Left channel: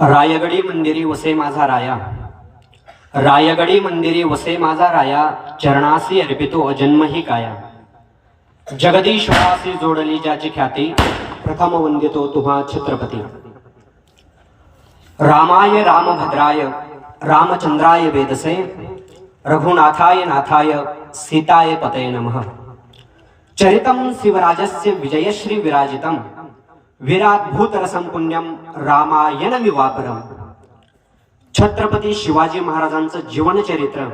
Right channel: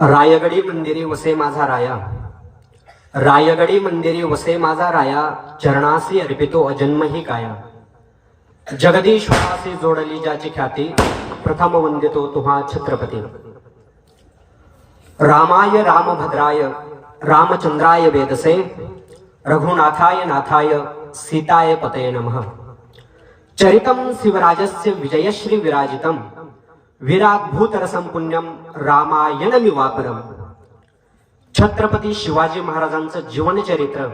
रायगडी मंदिरी वसे माझा राया, रायगडी मंदिरी वसे माझा राया, चरणासी अर्पितो अजन्म ही काया. जगदीश्वरासी जोडली ज्याची ख्याती, प्रथम वंदितो तुहा छत्रपती. रामाय रामभद्राय रामचंद्राय वेदसे, रघुनाथाय नाथाय सीताय पतये नमः. चरितं शिवराजस्य विजयश्री विराजितं, विराद्भूतरसं पुण्यं रामायणमिवापरम्. छत्रपती शिवाजी महाराजांचं जीवनचरित्र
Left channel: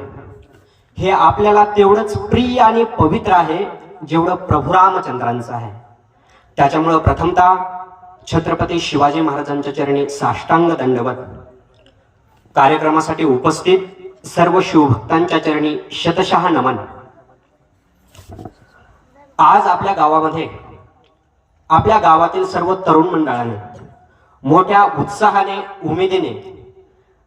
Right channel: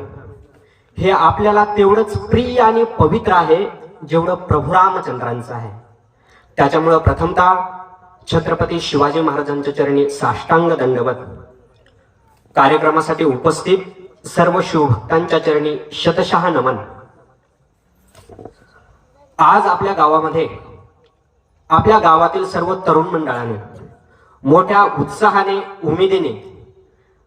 हे आपल्याला तेवढंच प्रिय आणि पवित्र आहे जेवढं प्रभू रामचंद्रांचं आहे. त्याच्यामुळं प्रथमतः छत्रपती शिवाजी महाराजांच्या चरणी साष्टांग दंडवत. कार्यक्रमासाठी उपस्थित सर्व शिवभक्तांच्या चरणी शतशः नमन. आज आपल्या गावामध्ये, आपल्या गावातील सर्व तरुण मंडळाने मोठ्या उत्साहाने, उमेदीने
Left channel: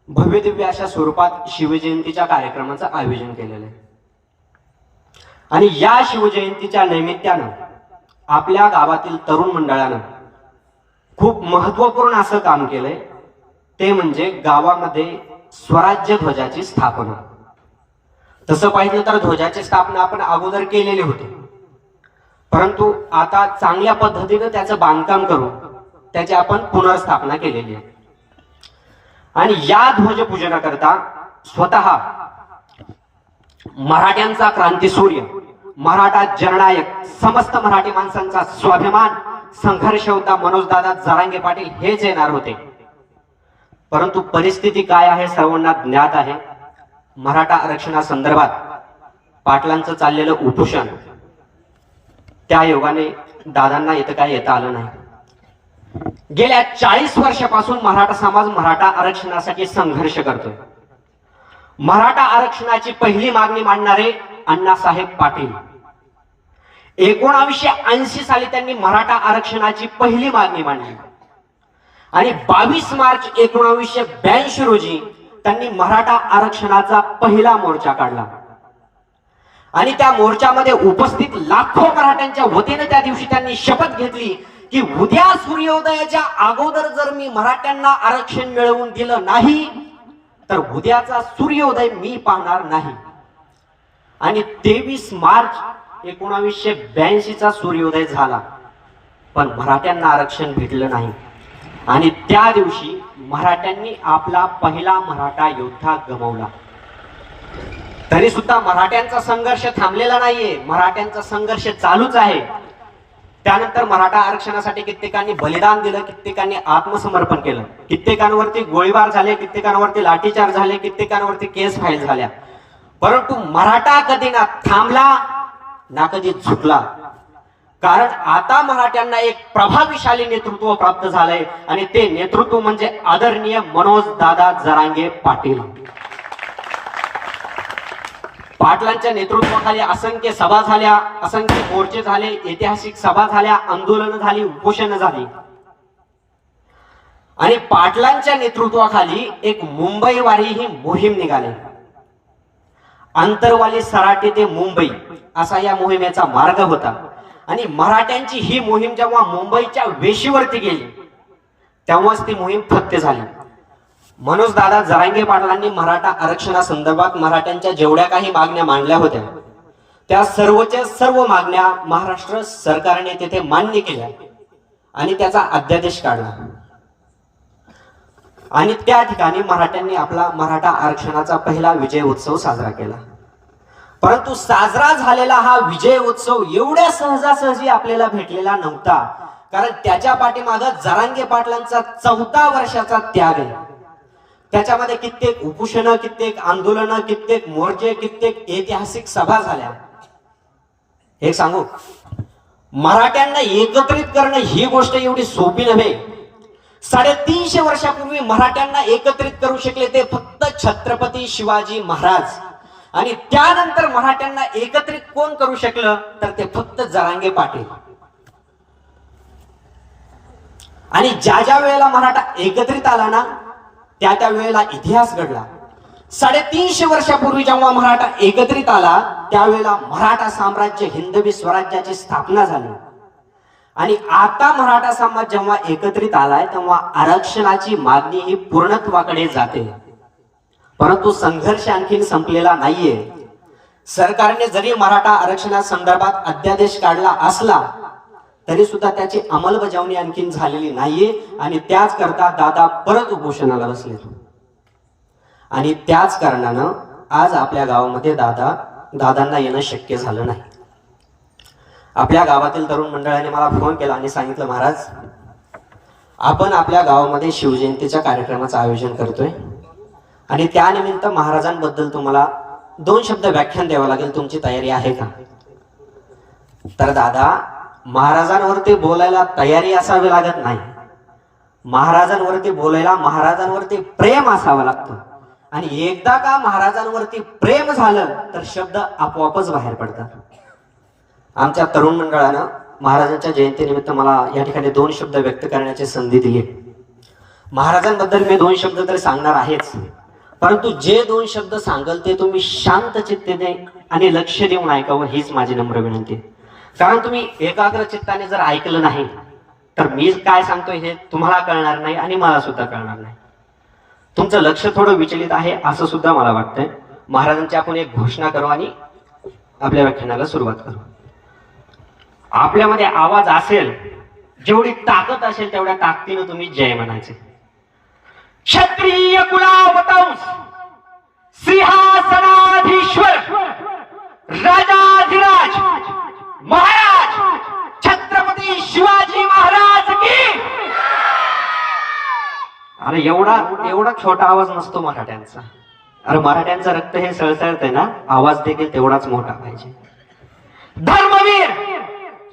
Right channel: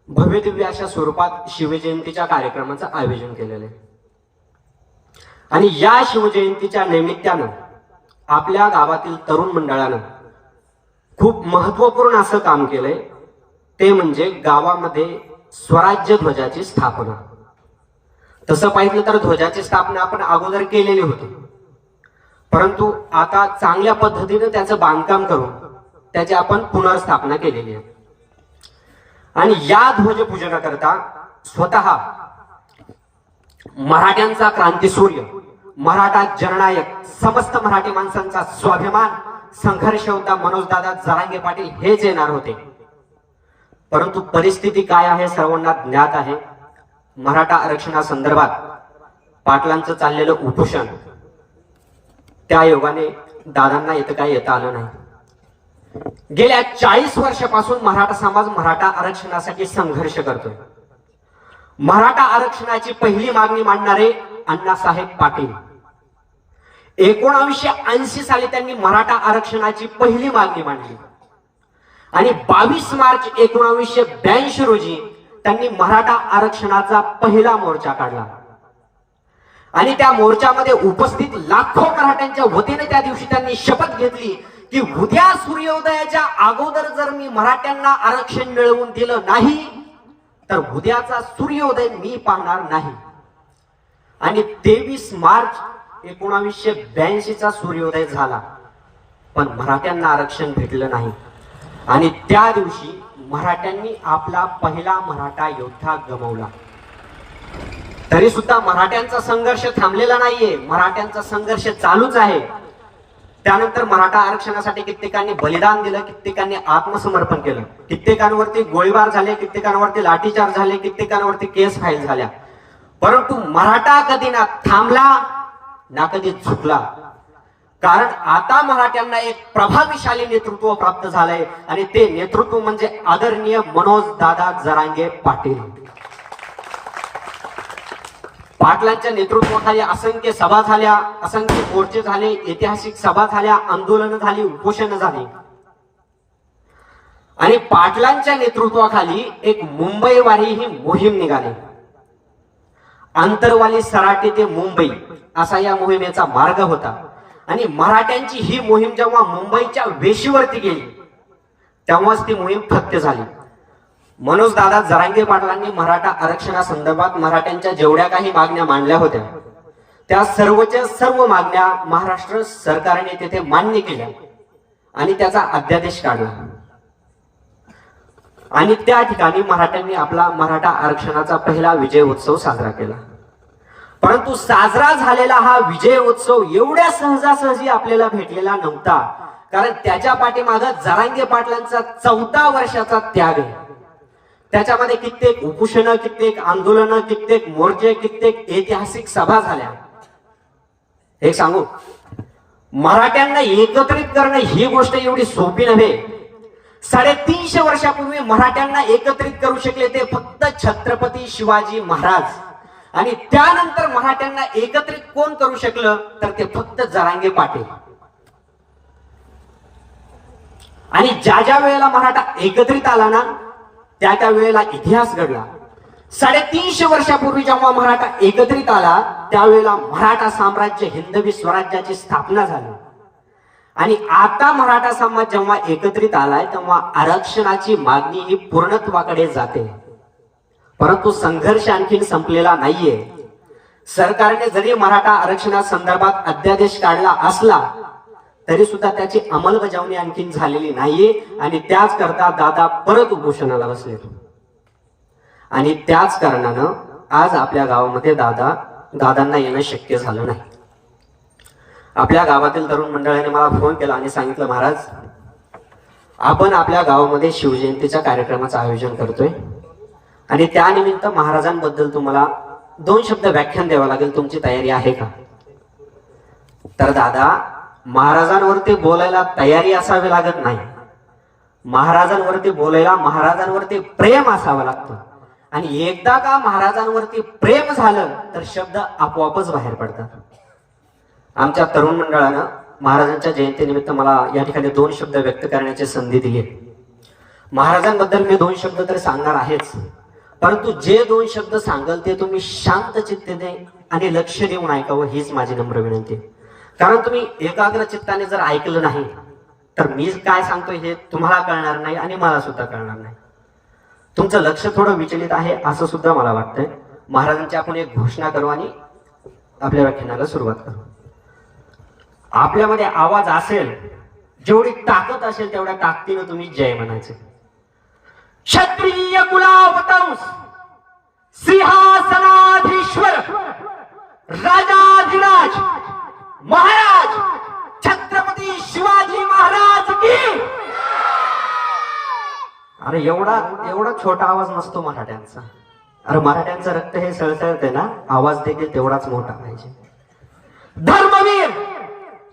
भव्यदिव्य अशा स्वरूपात शिवजयंतीच्या कार्यक्रमाचं आयोजन केलेलं आहे. आणि या शिवजयंतीच्या निमित्तानं आपल्या गावातील तरुण मंडळानं खूप महत्वपूर्ण असं काम केलंय. ते म्हणजे गावामध्ये स्वराज्य ध्वजाची स्थापना. तसं पाहिलं तर ध्वजाची स्थापना आपण अगोदर केलेली होती, परंतु आता चांगल्या पद्धतीने त्याचं बांधकाम करून त्याची आपण पुनर्स्थापना केलेली आहे. आणि या ध्वजपूजनाकरता स्वतः मराठ्यांचा क्रांतीसूर्य, मराठा जननायक, समस्त मराठी माणसांचा स्वाभिमान, संघर्ष होता मनोजदादा जरांगे पाटील हेच येणार होते. परंतु परिस्थिती काय आहे सर्वांना ज्ञात आहे. मराठा आरक्षणासंदर्भात पाटलांचं चाललेलं उपोषण, त्या योगाने दादांना इथं काय येता आलं नाही. गेल्या 40 वर्षापासून मराठा समाज मराठा आरक्षणासाठी संघर्ष करतोय. मराठा आरक्षणाची पहिली मागणी मांडणारे अण्णासाहेब पाटील 1980 साली त्यांनी मराठा आरक्षणाची पहिली मागणी मांडली आणि 22 मार्च 1982 रोजी त्यांनी मराठा आरक्षणाचा पहिला मोर्चा काढला. आणि त्या मोर्चामध्ये उपस्थित लाखो मराठ्यांच्या वतीने त्या दिवशी त्यांनी शपथ घेतली की उद्या सूर्योदयाच्या अगोदर जर मी मराठ्यांना आरक्षण मिळवून दिलं नाही तर उद्याचा सूर्योदय मी पाहणार नाही. आणि 23 मार्च 1982 चा सूर्योदय झाला, पण मराठ्यांना आरक्षण भेटलं नाही. आणि त्या दिवशी मराठ्यांनी आपला पहिला मराठा योद्धा गमावला. तरी सुद्धा मराठ्यांचा संघर्ष थांबलेला नाहीये, मराठ्यांचा संघर्ष चालूच आहे. त्यानंतर मराठा आरक्षणासाठी कित्येकांनी बलिदान दिलं, कित्येकांनी आत्मसमर्पण केलं, कित्येकांवरती गोळीबार झाले, कित्येकांवरती लाठीचार्ज झाले, कित्येकांवरती केस फाईल झाल्या. परंतु मराठा कधी ना थांबला ना कधी झुकला. कारण आता मराठ्यांना एक प्रभावशाली नेतृत्व प्राप्त झालंय आणि ते नेतृत्व म्हणजे आदरणीय मनोज दादा जरांगे पाटील. पाटलांच्या नेतृत्वाखाली असंख्य सभा झाल्या, असंख्य मोर्चे झाले, ऐतिहासिक सभा झाल्या, आंदोलन झाली, उपोषण झाली. आणि पाटलांच्या नेतृत्वाखाली एक मुंबईवारी ही मोहीम निघाली. आंतरवाली सराटी ते मुंबई असा या मोहिमेचा मार्ग होता. आणि मराठ्यांची ही मोहीम जेव्हा मुंबईच्या वेशीवरती गेली तेव्हाच ती मोहीम फत्ते झाली. मनोज दादा जरांगे पाटलांनी मराठा आरक्षणासंदर्भात मराठ्यांच्या जेवढ्या काही मागण्या मांडल्या होत्या त्या सर्वच्या सर्व मागण्या महाराष्ट्र सरकारने तिथे मान्य केल्या आणि त्याचा अध्यादेश काढला. आणि त्या ठिकाणी मराठ्यांनी आपला मराठा आरक्षणाचा पहिला विजय उत्सव साजरा केला. परंतु साजरा झालेला हा विजय उत्सव एवढ्या सहजासहजी आपल्याला भेटलेला नव्हता, कारण त्याच्या पाठीमागे जरांगे पाटलांचा 14 वर्षाचा त्याग आहे. त्याच्यामध्ये कित्येक उपोषणं, कित्येक आंदोलनं, कित्येक मोर्चे, कित्येक ऐतिहासिक सभा झाल्या. एक सांगू, मराठ्यांना एकत्रित करणं ही गोष्ट एवढी सोपी नव्हे. 350 वर्षापूर्वी मराठ्यांना एकत्रित करू शकले ते फक्त छत्रपती शिवाजी महाराज. आणि त्यानंतर मराठ्यांना एकत्रित कोण करू शकलं तर ते फक्त जरांगे पाटील. आणि ज्या ज्या वेळेला मराठा एकत्रित आला ना त्या वेळेला इतिहास घडला. 350 वर्षापूर्वी जेव्हा मराठा एकत्रित आला त्यावेळेला मराठा साम्राज्य हिंदवी स्वराज्याची स्थापना झाली. आणि आता मराठा समाज जेव्हा एकत्रित आलाय तेव्हा आरक्षणाची मागणी ही पूर्णत्वाकडे जाते. परंतु संघर्ष आणखीन संपलेला नाहीये. सरकारने जरी मराठा आरक्षणासंदर्भात अध्यादेश काढला असला तरी सुद्धा त्याची अंमलबजावणी आणखीन झालेली नाहीये आणि त्याच करता दादा परत उपोषणाला बसले. आणि त्याच कारणानं आज आपल्या गावामध्ये दादांना येणं शक्य झालं नाही. आपल्या गावातील तरुण मंडळाने मला फोन केला आणि सांगितलं, महाराज आपण आपल्या गावामध्ये शिवजयंतीच्या कार्यक्रमाचं आयोजन करतोय आणि त्यानिमित्त महाराजांबद्दल तुम्हाला 2 शब्द व्याख्यान द्यावं लागेल, तुमची तयारी आहे का? तर दादा, महाराजांवरती बोलायला तयारी असावी लागत नाही. महाराजांवरती बोलायला महाराजांवरती प्रेम असावं लागतं. आणि एकदा का महाराजांवरती प्रेम झालं तर शब्द आपोआपच बाहेर पडतात. आमच्या तरुण मंडळानं महाराजांच्या जयंतीनिमित्त मला या ठिकाणी 2 शब्द व्यक्त करण्याची संधी दिली. महाराजांबद्दल मी 2 शब्द तर सांगणार आहेच, परंतु जे 2 शब्द सांगाल ते तुम्ही शांत चित्तेने आणि लक्ष देऊन ऐकावं हीच माझी नम्र विनंती. कारण तुम्ही एकाग्र चित्ताने जर ऐकलं नाही तर मी काय सांगतोय हे तुम्हाला कळणार नाही आणि मला सुद्धा कळणार नाही. तुमचं लक्ष थोडं विचलित आहे असं सुद्धा मला वाटतंय. महाराजांची आपण एक घोषणा करू आणि आपल्या व्याख्यानाला सुरुवात करू. आपल्यामध्ये आवाज असेल, जेवढी ताकद असेल तेवढ्या ताकदीनं तुम्ही जय म्हणायचे. क्षत्रिय कुलावतंस सिंहासनाधीश्वर राजाधिराज महाराज छत्रपती शिवाजी महाराज की. अरे एवढा छोटा आवाज नसतो मराठ्यांचा. अरे मराठ्यांचं रक्त हे सळसळते ना, आवाज देखील तेवढाच मोठा पाहिजे. धर्मवीर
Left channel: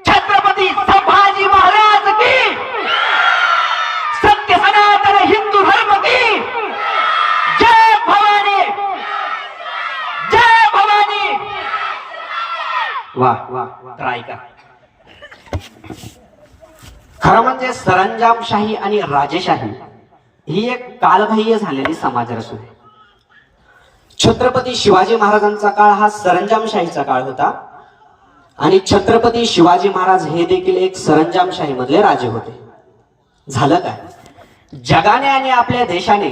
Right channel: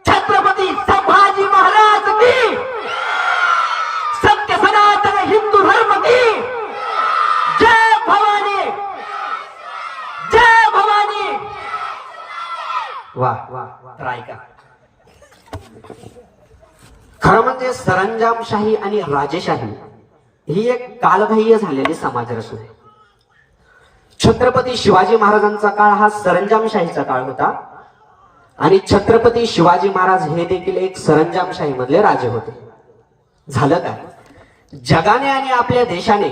छत्रपती संभाजी महाराज की. सत्य सनातन हिंदू धर्म की. जय भवानी, जय भवानी. वाह वाह. ऐका, खरं म्हणजे सरंजामशाही आणि राजेशाही ही एक कालबाह्य झालेली समाज रचना आहे. छत्रपती शिवाजी महाराजांचा काळ हा सरंजामशाहीचा काळ होता आणि छत्रपती शिवाजी महाराज हे देखील एक सरंजामशाही मधले राजे होते. झालं काय, जगाने आणि आपल्या देशाने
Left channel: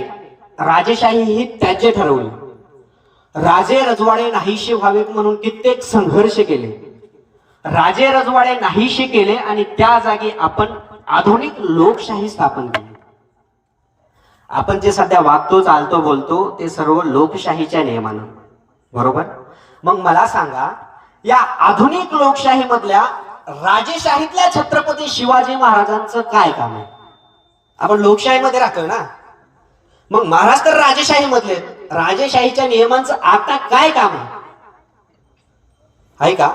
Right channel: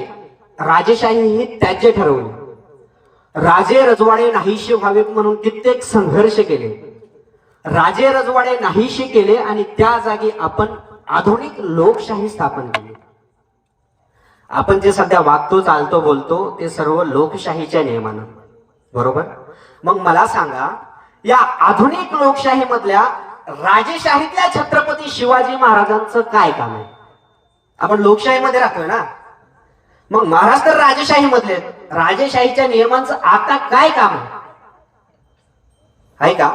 राजेशाही ही त्याज्य ठरवली. राजे रजवाडे नाहीशे व्हावेत म्हणून कित्येक संघर्ष केले. राजे रजवाडे नाहीशे केले आणि त्या जागी आपण आधुनिक लोकशाही स्थापन केली. आपण जे सध्या वागतो, चालतो, बोलतो ते सर्व लोकशाहीच्या नियमानं, बरोबर? मग मला सांगा, या आधुनिक लोकशाही मधल्या राजेशाहीतल्या छत्रपती शिवाजी महाराजांचं काय काम आहे? आपण लोकशाहीमध्ये राहतोय ना, मग महाराज तर राजेशाही मधले, राजेशाहीच्या नियमांचं आता काय काम आहे का?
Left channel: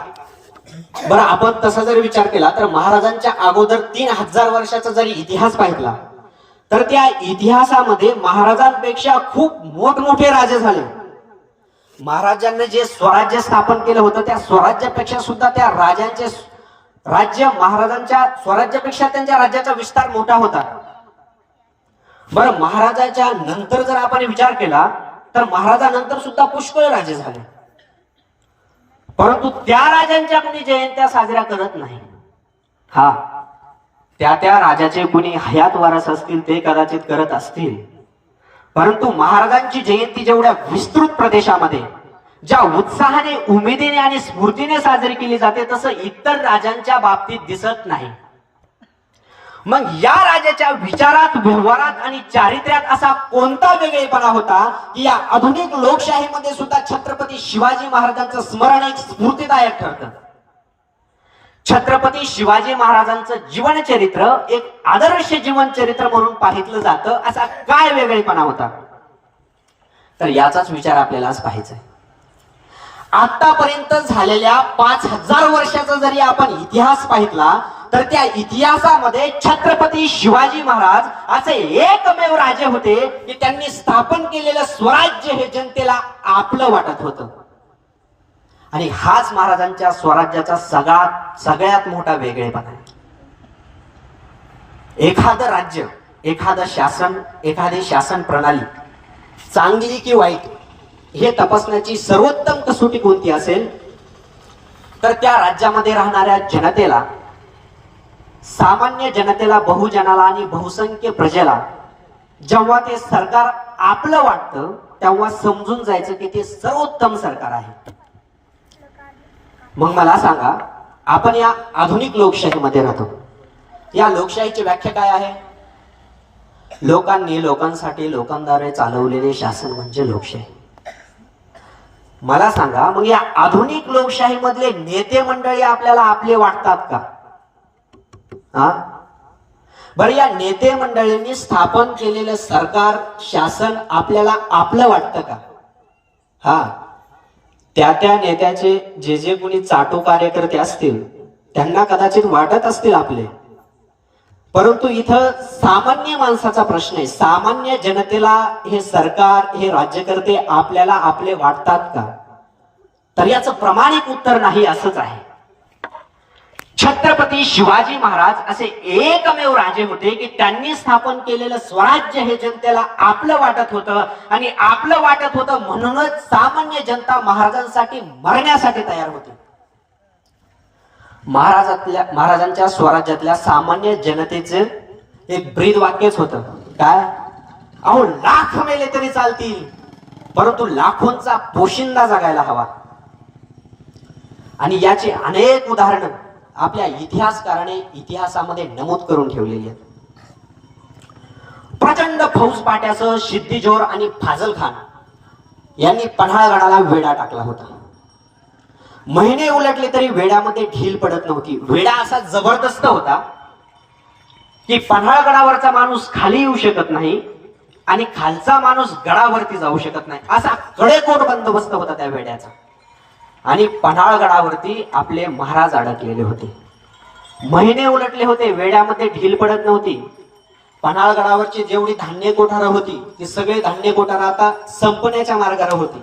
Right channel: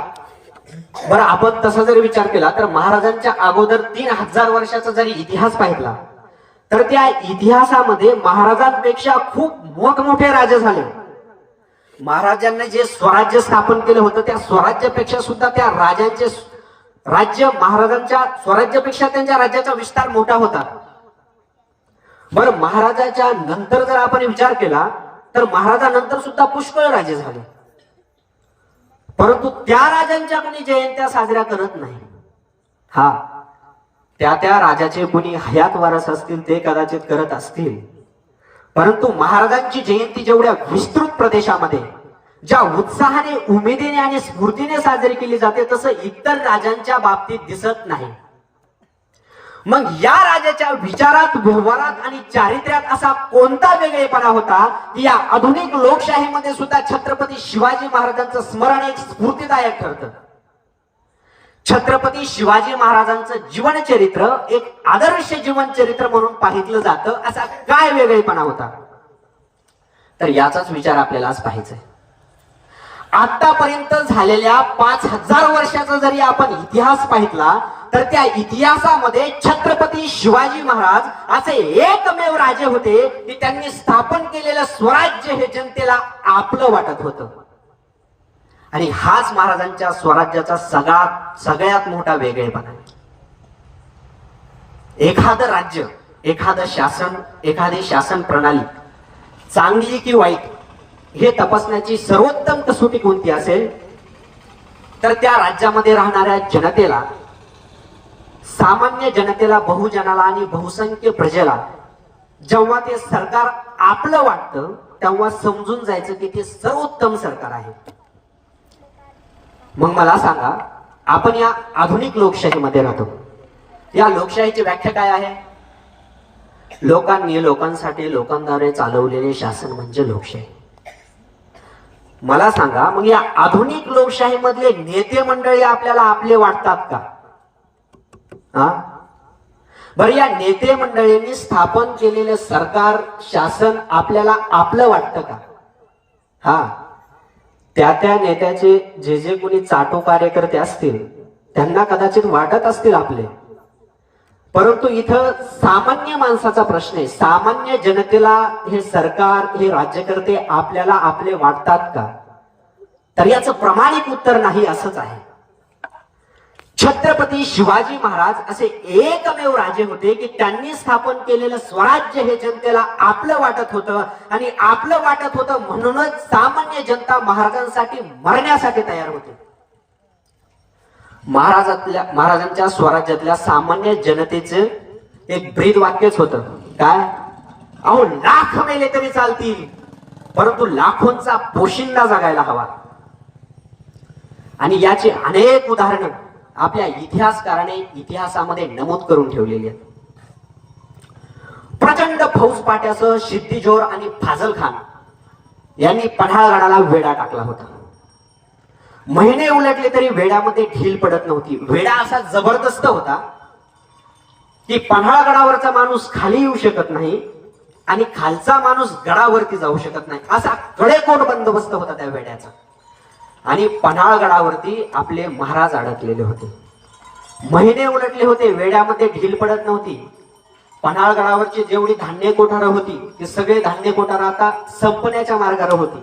बरं, आपण तसा जर विचार केला तर महाराजांच्या अगोदर 3000 वर्षाचा जरी इतिहास पाहिला तर त्या इतिहासामध्ये महाराजांपेक्षा खूप मोठमोठे राजे झाले. महाराजांनी जे स्वराज्य स्थापन केलं होतं त्या स्वराज्यापेक्षा सुद्धा त्या राजांचे राज्य, महाराजांच्या स्वराज्यापेक्षा त्यांच्या राज्याचा विस्तार मोठा होता. बरं, महाराजांच्या नंतर जर आपण विचार केला तर महाराजांनंतर सुद्धा पुष्कळ राजे झाले, परंतु त्या राजांच्या कोणी जयंत्या साजऱ्या करत नाही. हा, त्या राजाचे कोणी हयात वारस असतील ते कदाचित करत असतील, परंतु महाराजांची जयंती जेवढ्या विस्तृत प्रदेशामध्ये ज्या उत्साहाने, उमेदीने आणि स्फूर्तीने साजरी केली जाते तसं इतर राजांच्या बाबतीत दिसत नाही. मग या राजाच्या विचारात, व्यवहारात आणि चारित्र्यात असा कोणता वेगळेपणा होता की या आधुनिक लोकशाहीमध्ये सुद्धा छत्रपती शिवाजी महाराजांचं स्मरण एक स्फूर्तीदायक ठरतं. छत्रपती शिवाजी महाराजांचं जीवनचरित्र एक आदर्श जीवनचरित्र म्हणून पाहिलं जातं. असा काय वेगळेपणा होता? तर याचाच विचार आपल्याला आज पाहायचा आहे. आतापर्यंत झालेल्या 5000 वर्षाचा जरी आपण इतिहास पाहितला तर त्या इतिहासामध्ये छत्रपती शिवाजी महाराज असे एकमेव राजे होते की त्यांनी स्थापन केलेलं स्वराज्य हे जनतेला आपलं वाटत होतं. आणि हाच महाराजांच्या स्वराज्याचा सगळ्यात मोठा वेगळेपणा आहे. एखादं राज्य, एखादं शासन, एखादी शासन प्रणाली चांगली की वाईट हे तपासण्याची सर्वोत्तम कसोटी कोणती असेल तर त्या राज्यामध्ये राहणाऱ्या जनतेला सामान्य जनतेला, बहुजनाला आणि बहुसंख्य प्रजेला जेव्हा ते सरकार आपलं वाटतं तेव्हा समजून जायचं की ते सर्वोत्तम सरकार आहे. मग मला सांगा, आपण या आधुनिक लोकशाहीमध्ये राहतो. या लोकशाहीची व्याख्या काय आहे? लोकांनी, लोकांसाठी, लोकांद्वारे चालवलेले शासन म्हणजे लोकशाही. मला सांगा, मग या आधुनिक लोकशाही मधले नेते मंडळी आपल्याला आपले वाटतात का? बरं, या नेते मंडळींनी स्थापन केलेलं सरकार, शासन आपल्याला आपलं वाटतं का? त्या नेत्याचे जे कोणी चाटो कार्यकर्ते असतील त्यांना कदाचित वाटत असतील आपले, परंतु इथं सामान्य माणसाचा प्रश्न आहे. सामान्य जनतेला हे सरकार, हे राज्यकर्ते आपल्याला आपले वाटतात का? तर याचं प्रामाणिक उत्तर नाही असंच आहे. छत्रपती शिवाजी महाराज असे एकमेव राजे होते की त्यांनी स्थापन केलेलं स्वराज्य हे जनतेला आपलं वाटत होतं, आणि आपलं वाटत होतं म्हणूनच सामान्य जनता महाराजांसाठी मरण्यासाठी तयार होती. महाराजांच्या स्वराज्यातल्या सामान्य जनतेचं एक ब्रीद वाक्यच होतं, काय? अहो, लाख मेले तरी चालतील, परंतु लाखोंचा पोशिंदा जगायला हवा. आणि याची अनेक उदाहरणं आपल्या इतिहासकाराने इतिहासामध्ये नमूद करून ठेवलेली आहेत. प्रचंड फौजपाट्यासह सिद्दीजोर आणि फाजल खान यांनी पन्हाळगडाला वेढा टाकला होता. महिने उलटले तरी वेड्यामध्ये ढील पडत नव्हती. वेढा असा जबरदस्त होता की पन्हाळगडावरचा माणूस खाली येऊ शकत नाही आणि खालचा माणूस गडावरती जाऊ शकत नाही, असा कडेकोट बंदोबस्त होता त्या वेड्याचा. आणि पन्हाळगडावरती आपले महाराज अडकलेले होते. महिने उलटले होते, वेड्यामध्ये ढील पडत नव्हती. पन्हाळगडावरची जेवढी धान्य कोठारं होती ती सगळी धान्य कोठारं आता संपण्याच्या मार्गावर होती.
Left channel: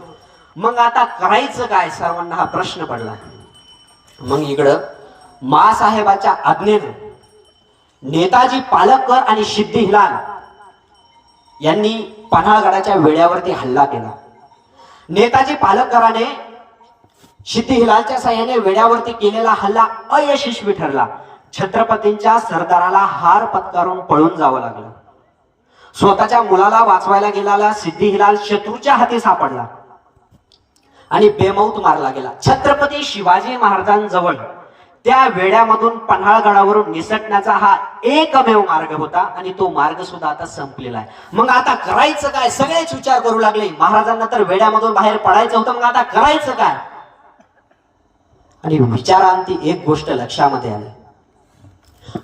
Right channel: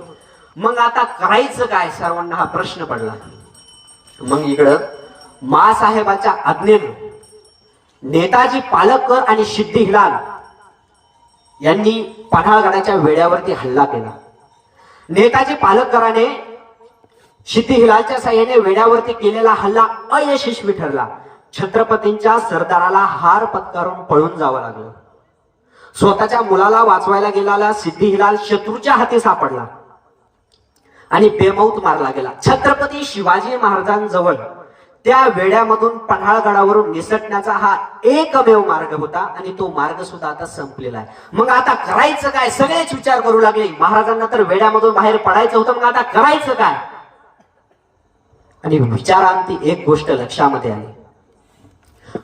मग आता करायचं काय, सर्वांना हा प्रश्न पडला. मग इकडं मासाहेबाच्या आज्ञेनं नेताजी पालकर आणि सिद्दी हिलाल यांनी पन्हाळगडाच्या वेड्यावरती हल्ला केला. नेताजी पालकराने सिद्दी हिलालच्या साह्याने वेड्यावरती केलेला हल्ला अयशस्वी ठरला. छत्रपतींच्या सरदाराला हार पत्करून पळून जावं लागलं. स्वतःच्या मुलाला वाचवायला गेलेला सिद्दी हिलाल शत्रूच्या हाती सापडला आणि बेमौत मारला गेला. छत्रपती शिवाजी महाराजांजवळ त्या वेड्यामधून पन्हाळगडावरून निसटण्याचा हा एकमेव मार्ग होता, आणि तो मार्ग सुद्धा आता संपलेला आहे. मग आता करायचं काय, सगळेच विचार करू लागले. महाराजांना तर वेड्यामधून बाहेर पडायचं होतं, मग आता करायचं काय? आणि विचारांती एक गोष्ट लक्षामध्ये आली.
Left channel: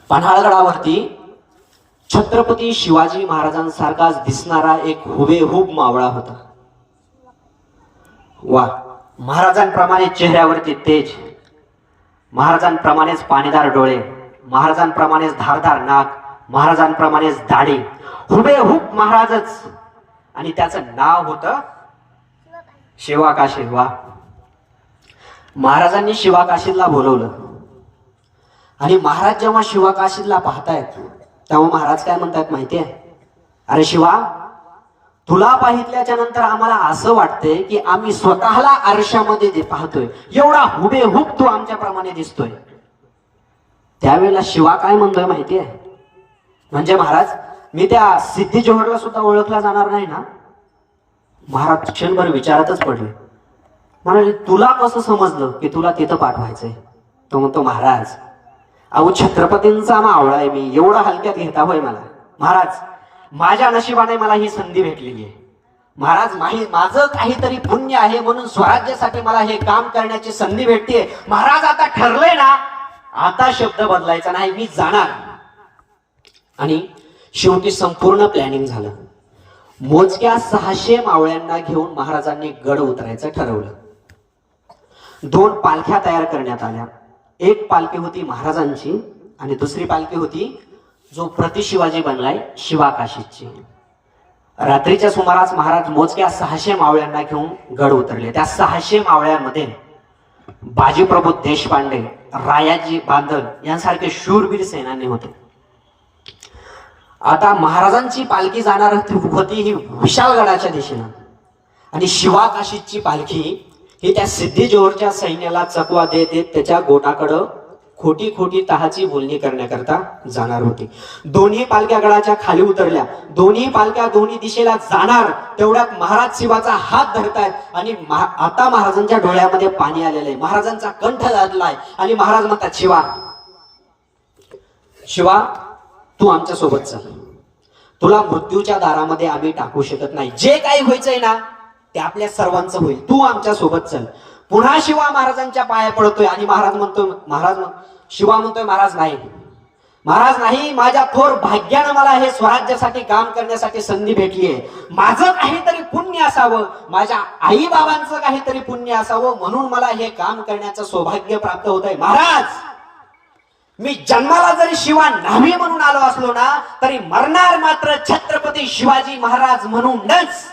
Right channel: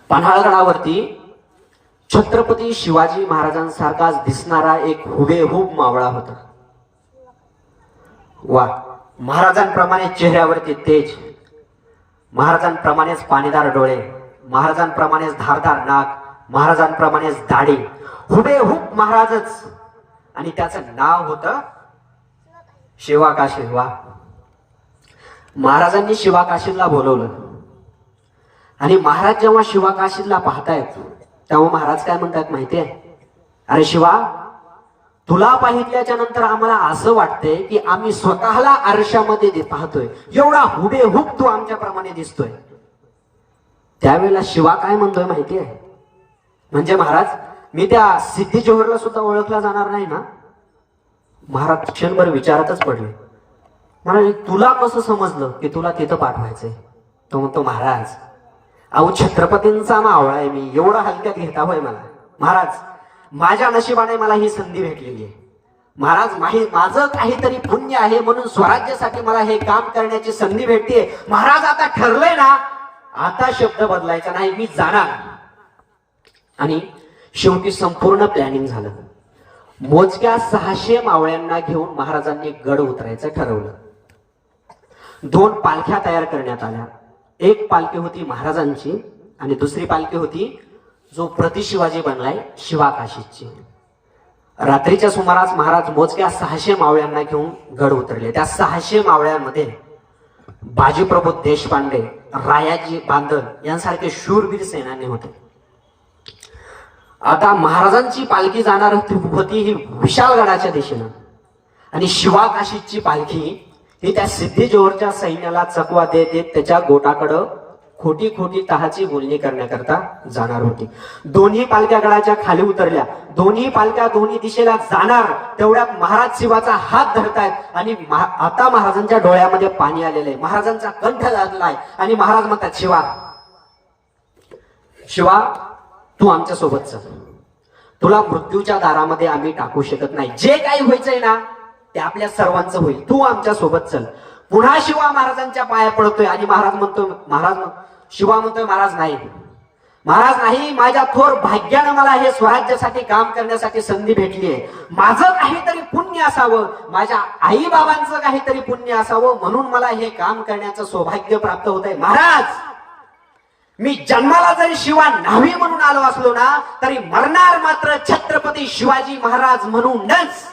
पन्हाळगडावरती छत्रपती शिवाजी महाराजांसारखाच दिसणारा एक हुबेहूब मावळा होता. वा, महाराजांप्रमाणे चेहऱ्यावरती तेज, महाराजांप्रमाणेच पाणीदार डोळे, महाराजांप्रमाणेच धारदार नाक, महाराजांप्रमाणेच दाढी, हुबेहूब महाराजच. आणि त्याचं नाव होतं शिवाकाशी. वा, महाराजांनी शिवाकाशीला बोलवलं, आणि महाराज जेव्हा शिवाकाशीला पाहतायत तेव्हा महाराज काय म्हणतात माहितीये? अरे शिवा, तुला पाहितल्याच्या नंतर आम्हाला असं वाटतंय की आम्ही स्वतःला आरशामध्ये पाहतोय, एवढा हुबेहूब तू आमच्याप्रमाणे दिसतोय. त्यावेळेला शिवा काय म्हणतोय माहितीये? म्हणजे महाराज, मी त्या सिद्धी जोहरला सुद्धा ओळखला जाणार नाही ना? महाराज क्षणभर विचारातच पडले. म्हणजे तुला कसं समजलं की तुला तिथं पाठवायचंय? तो म्हणतो, महाराज, अहो छत्रपतींचा मावळा आहे मी, एवढा हलक्यात घेता होय मला? महाराज, माझ्या नशिबाने मला ही संधी भेटलेली आहे. महाराज, माझं काहीतरी पुण्य आहे म्हणून स्वराज्यासाठी मला हे काम करण्याची संधी भेटते. महाराज, आता ठरलंय ना, आता शब्द बदलायचा नाही, मी जाणार. आणि शेवटी संपूर्ण प्लॅनिंग झालं. मोजक्या 600 मावळ्यांना घेऊन महाराजांनी गड उतरायचं ठरवलं. 2 पालख्या तयार करण्यात आल्या. एक पालखी होती महाराजांची आणि दुसरी पालखी होती जो प्रति शिवाजी बनलाय शिवाकाशीची. रात्रीच्या सुमारास महाराज मोजक्या 600 मावळ्यांना घेऊन गड उतरले. त्या 600 मावळ्यांमध्ये बाजीप्रभू देशपांडे, रायाजी बांदल यांसारखे शूरवीर सेनानी होते. आता महाराजांची पालखी जाणार होती ही विशालगडाच्या दिशेनं, आणि शिवाकाशीची पालखी ही त्या सिद्धी जोहरच्या सैन्याला चकवा देत त्याच्या गोटाकडं खोटी खोटी तहाची बोलणी करण्याकरता जाणार होती. दोन्ही पालख्या गडाच्या खाली उतरल्या. दोन्ही पालख्या दोन्ही दिशेला जाणार तेवढ्यात महाराज शिवाचा हात धरतायत आणि आता महाराजांच्या डोळ्यामध्ये पाणी आलेलं आहे. महाराजांचा कंठ गाजलाय आणि महाराज म्हणतात, शिवा शिवा तू आमच्या सोबत चल. तुला मृत्यूच्या दारामध्ये आम्ही टाकू शकत नाही. जे काही व्हायचंय ना ते आपल्या सर्वांचं होईल. तू आमच्या सोबत चल. पुन्हा शिवा महाराजांच्या पाया पडतोय आणि शिवा म्हणतोय महाराज नाही, माझ्या थोर भाग्यानं मला हे स्वराज्यासाठी काम करण्यासाठी संधी भेटली आहे. माझं काहीतरी पुण्य असावं, माझ्या आई बाबांचं काहीतरी पुण्य असावं म्हणून मला हे काम करण्याचं सौभाग्य प्राप्त होत आहे. महाराज, मी जन्माला जरी शिवा न्हावी म्हणून आलो असलो ना तरी मरणार मात्र छत्रपती शिवाजी महाराज म्हणूनच.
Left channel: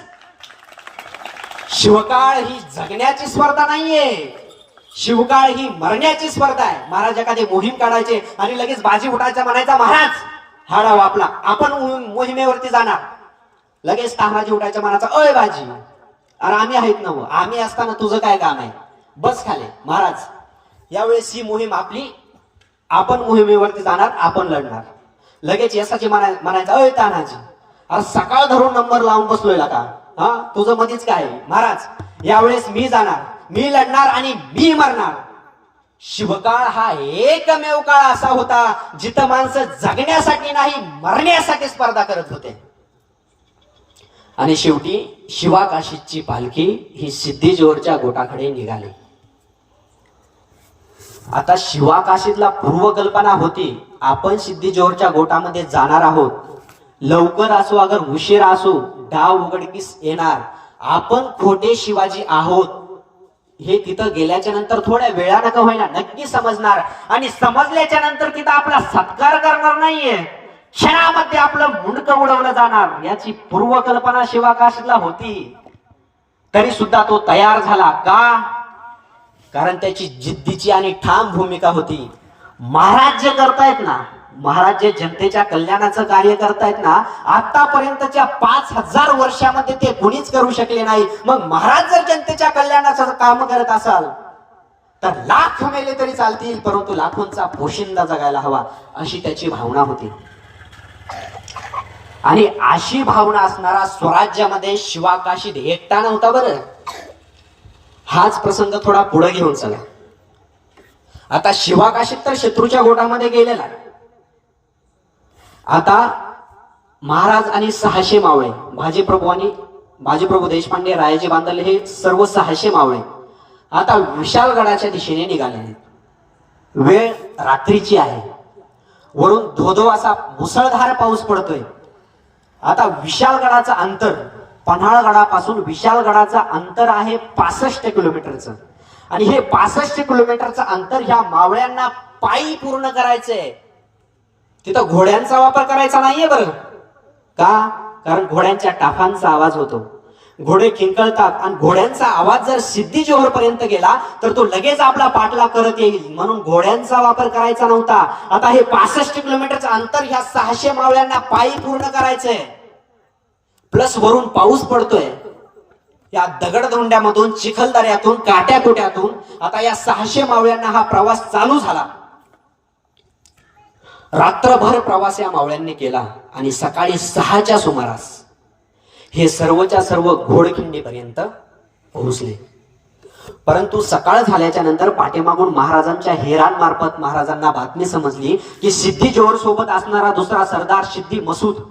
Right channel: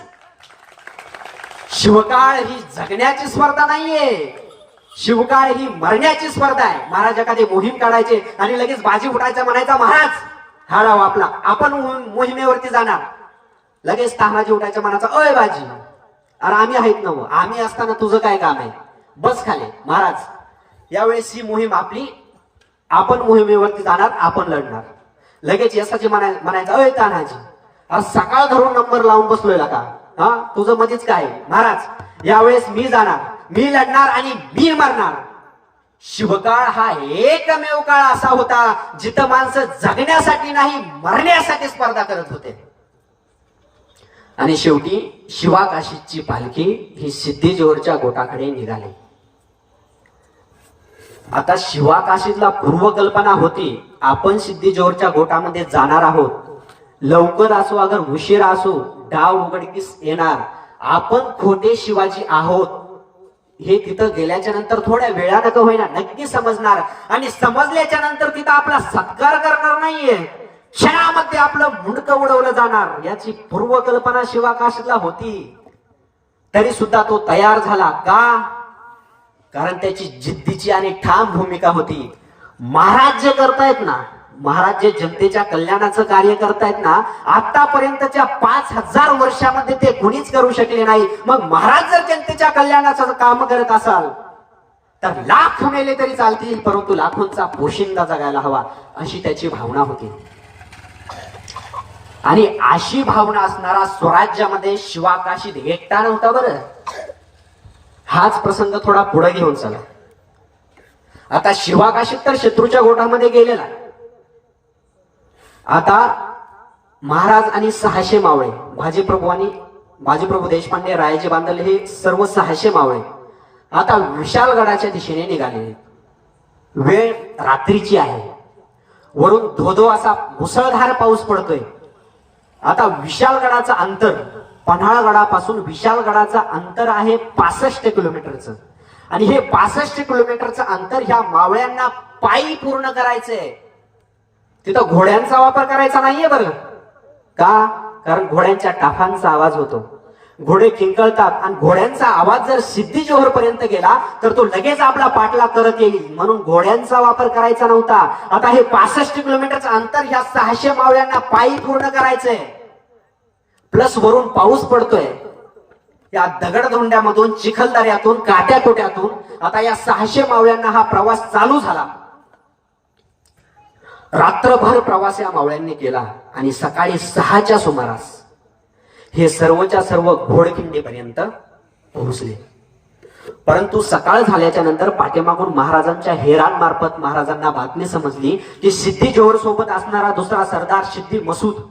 शिवकाळ ही जगण्याची स्पर्धा नाहीये, शिवकाळ ही मरण्याची स्पर्धा आहे. महाराज एखादी मोहीम काढायचे आणि लगेच बाजी फुटायचा, म्हणायचा महाराज हा डाव आपला, आपण मोहिमेवरती जाणार. लगेच तानाजी उठायचा, म्हणायचा अय बाजी, अरे आम्ही आहेत ना, आम्ही असताना तुझं काय काम आहे, बस खाली. महाराज यावेळेस ही मोहीम आपली, आपण मोहिमेवरती जाणार, आपण लढणार. लगेच यशाची म्हणायचा अय तानाजी, अरे सकाळ धरून नंबर लावून बसलोय का, हा तुझं मध्येच काय. महाराज यावेळेस मी जाणार, मी लढणार आणि मी मरणार. शिवकाळ हा एकमेव काळ असा होता जिथं माणसं जगण्यासाठी नाही मरण्यासाठी स्पर्धा करत होते. आणि शेवटी शिवाकाशीची पालखी ही सिद्धेश्वरच्या गोटाकडे निघाली. आता शिवाकाशीतला पूर्वकल्पना होती, आपण सिद्धेश्वरच्या गोटामध्ये जाणार आहोत. लवकर असो अगर उशिरा असो डाव उघडकीस येणार. आपण खोटे शिवाजी आहोत हे तिथं गेल्याच्या नंतर थोड्या वेळानं का होईना नक्की समजणार. आणि समजल्याच्या नंतर तिथं आपला सत्कार करणार नाहीये, क्षणामध्ये आपलं मुंडकं उडवलं जाणार. याची पूर्वकल्पना शिवाकाशीतला होती. तरी सुद्धा तो तयार झाला का? कारण त्याची जिद्दीची आणि ठाम भूमिका होती. महाराज जे करतायत ना, महाराज जे जनतेच्या कल्याणाचं कार्य करतायत ना, आतापर्यंतच्या 5000 वर्षामध्ये ते कुणीच करू शकले नाही. मग महाराज जर जनतेच्या कल्याणाचं काम करत असाल तर लाख मेले तरी चालतील, परंतु लाखोंचा पोशिंदा जगायला हवा, अशी त्याची भावना होती. आणि अशी भावना असणारा स्वराज्यामध्ये शिवाकाशीत एकटा नव्हता. बरं, हाच प्रसंग थोडा पुढे घेऊन चला. आता शिवाकाशीत तर शत्रूच्या गोटामध्ये गेलेला. आता महाराज आणि 600 मावळे, बाजीप्रभू देशपांडे, रायाजी बांधले, हे सर्व 600 मावळे आता विशालगडाच्या दिशेने निघालेले. वेळ रात्रीची आहे, वरून धोधो असा मुसळधार पाऊस पडतोय. आता विशालगडाचं अंतर, पन्हाळगडापासून विशालगडाचं अंतर आहे 65 किलोमीटरचं. आणि हे 65 किलोमीटरचं अंतर ह्या मावळ्यांना पायी पूर्ण करायचंय. तिथं घोड्यांचा वापर करायचा नाहीये. बरं का? कारण घोड्यांच्या टाफांचा आवाज होतो, घोडे किंकळतात आणि घोड्यांचा आवाज जर सिद्धेश्वर पर्यंत गेला तर तो लगेच आपला पाठलाग करत येईल, म्हणून घोड्यांचा वापर करायचा नव्हता. आता हे 65 किलोमीटरचं अंतर ह्या 600 मावळ्यांना पायी पूर्ण करायचंय. प्लस वरून पाऊस पडतोय. या दगडधोंड्यामधून, चिखलदऱ्यातून, काट्याकोट्यातून आता या 600 मावळ्यांना हा प्रवास चालू झाला. रात्रभर प्रवास या मावळ्यांनी केला आणि सकाळी 6च्या सुमारास हे सर्वच्या सर्व घोडखिंडीपर्यंत पोहोचले. परंतु सकाळ झाल्याच्या नंतर पाठीमागून महाराजांच्या हेरांमार्फत महाराजांना बातमी समजली की सिद्धेश्वर सोबत असणारा दुसरा सरदार सिद्धी मसूद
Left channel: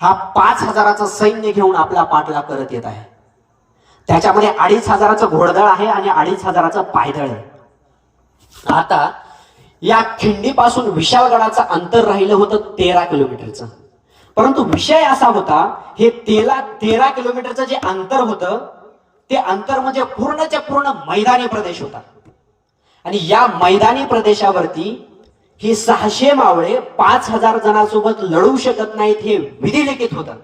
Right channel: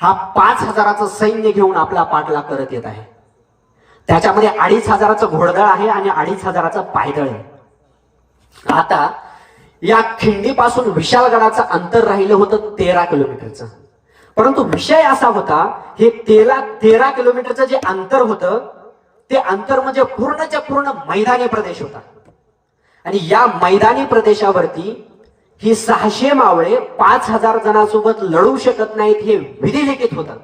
हा 5000चं सैन्य घेऊन आपला पाठलाग करत येत आहे. त्याच्यामध्ये 2500चं घोडदळ आहे आणि 2500चं पायदळ आहे. आता या खिंडीपासून विशालगडाचं अंतर राहिलं होतं 13 किलोमीटरचं. परंतु विषय असा होता, हे 13 किलोमीटरचं जे अंतर होतं ते अंतर म्हणजे पूर्णच्या पूर्ण मैदानी प्रदेश होता. आणि या मैदानी प्रदेशावरती ही 600 मावळे 5000 जणांसोबत लढू शकत नाहीत हे विधिलिखित होतं.